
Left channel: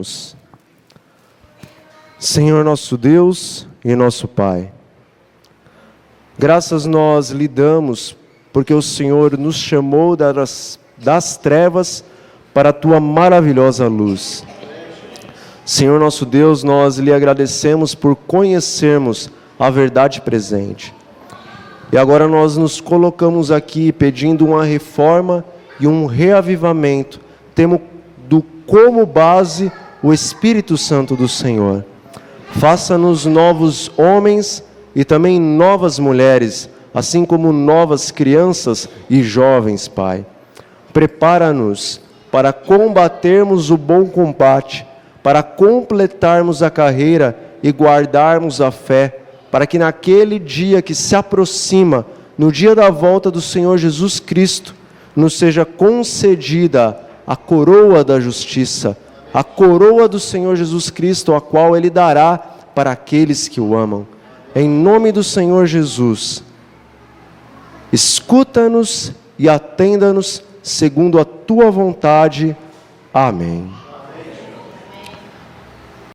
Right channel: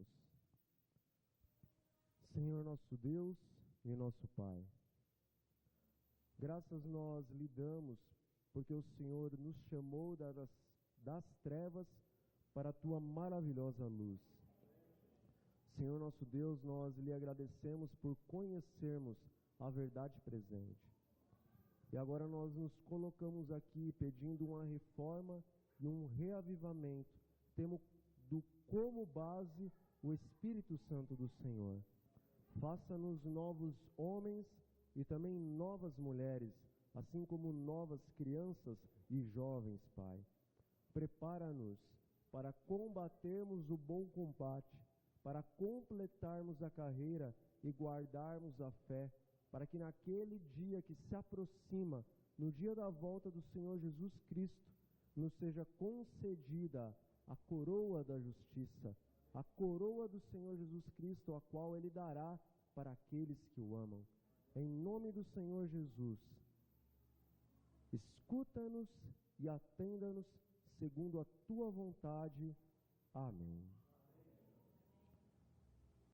Oremos. Senhor nosso Deus e nosso Pai, graças nós lhe damos porque o Senhor nos chamou das trevas para a tua maravilhosa luz. Senhor nosso Deus, nós lhe agradecemos por conhecermos a verdade presente. E agora nós nos colocamos aqui pedindo uma reforma e um reavivamento, tendo como base o Espírito Santo do Senhor. Faça-nos novos homens e também novas mulheres, assim como novas crianças e jovens, Pai. Prepara-nos para combatermos o bom combate, para completarmos a carreira e guardarmos a fé, para que naquele dia que se aproxima, no dia da volta do Senhor Jesus Cristo, nos seja concedida a coroa da justiça, a coroa do Senhor Jesus Cristo, a qual Ele dará para aqueles que o amam. Em nome do Senhor Jesus, escuta-nos e atenda-nos segundo a Tua vontade. Amém.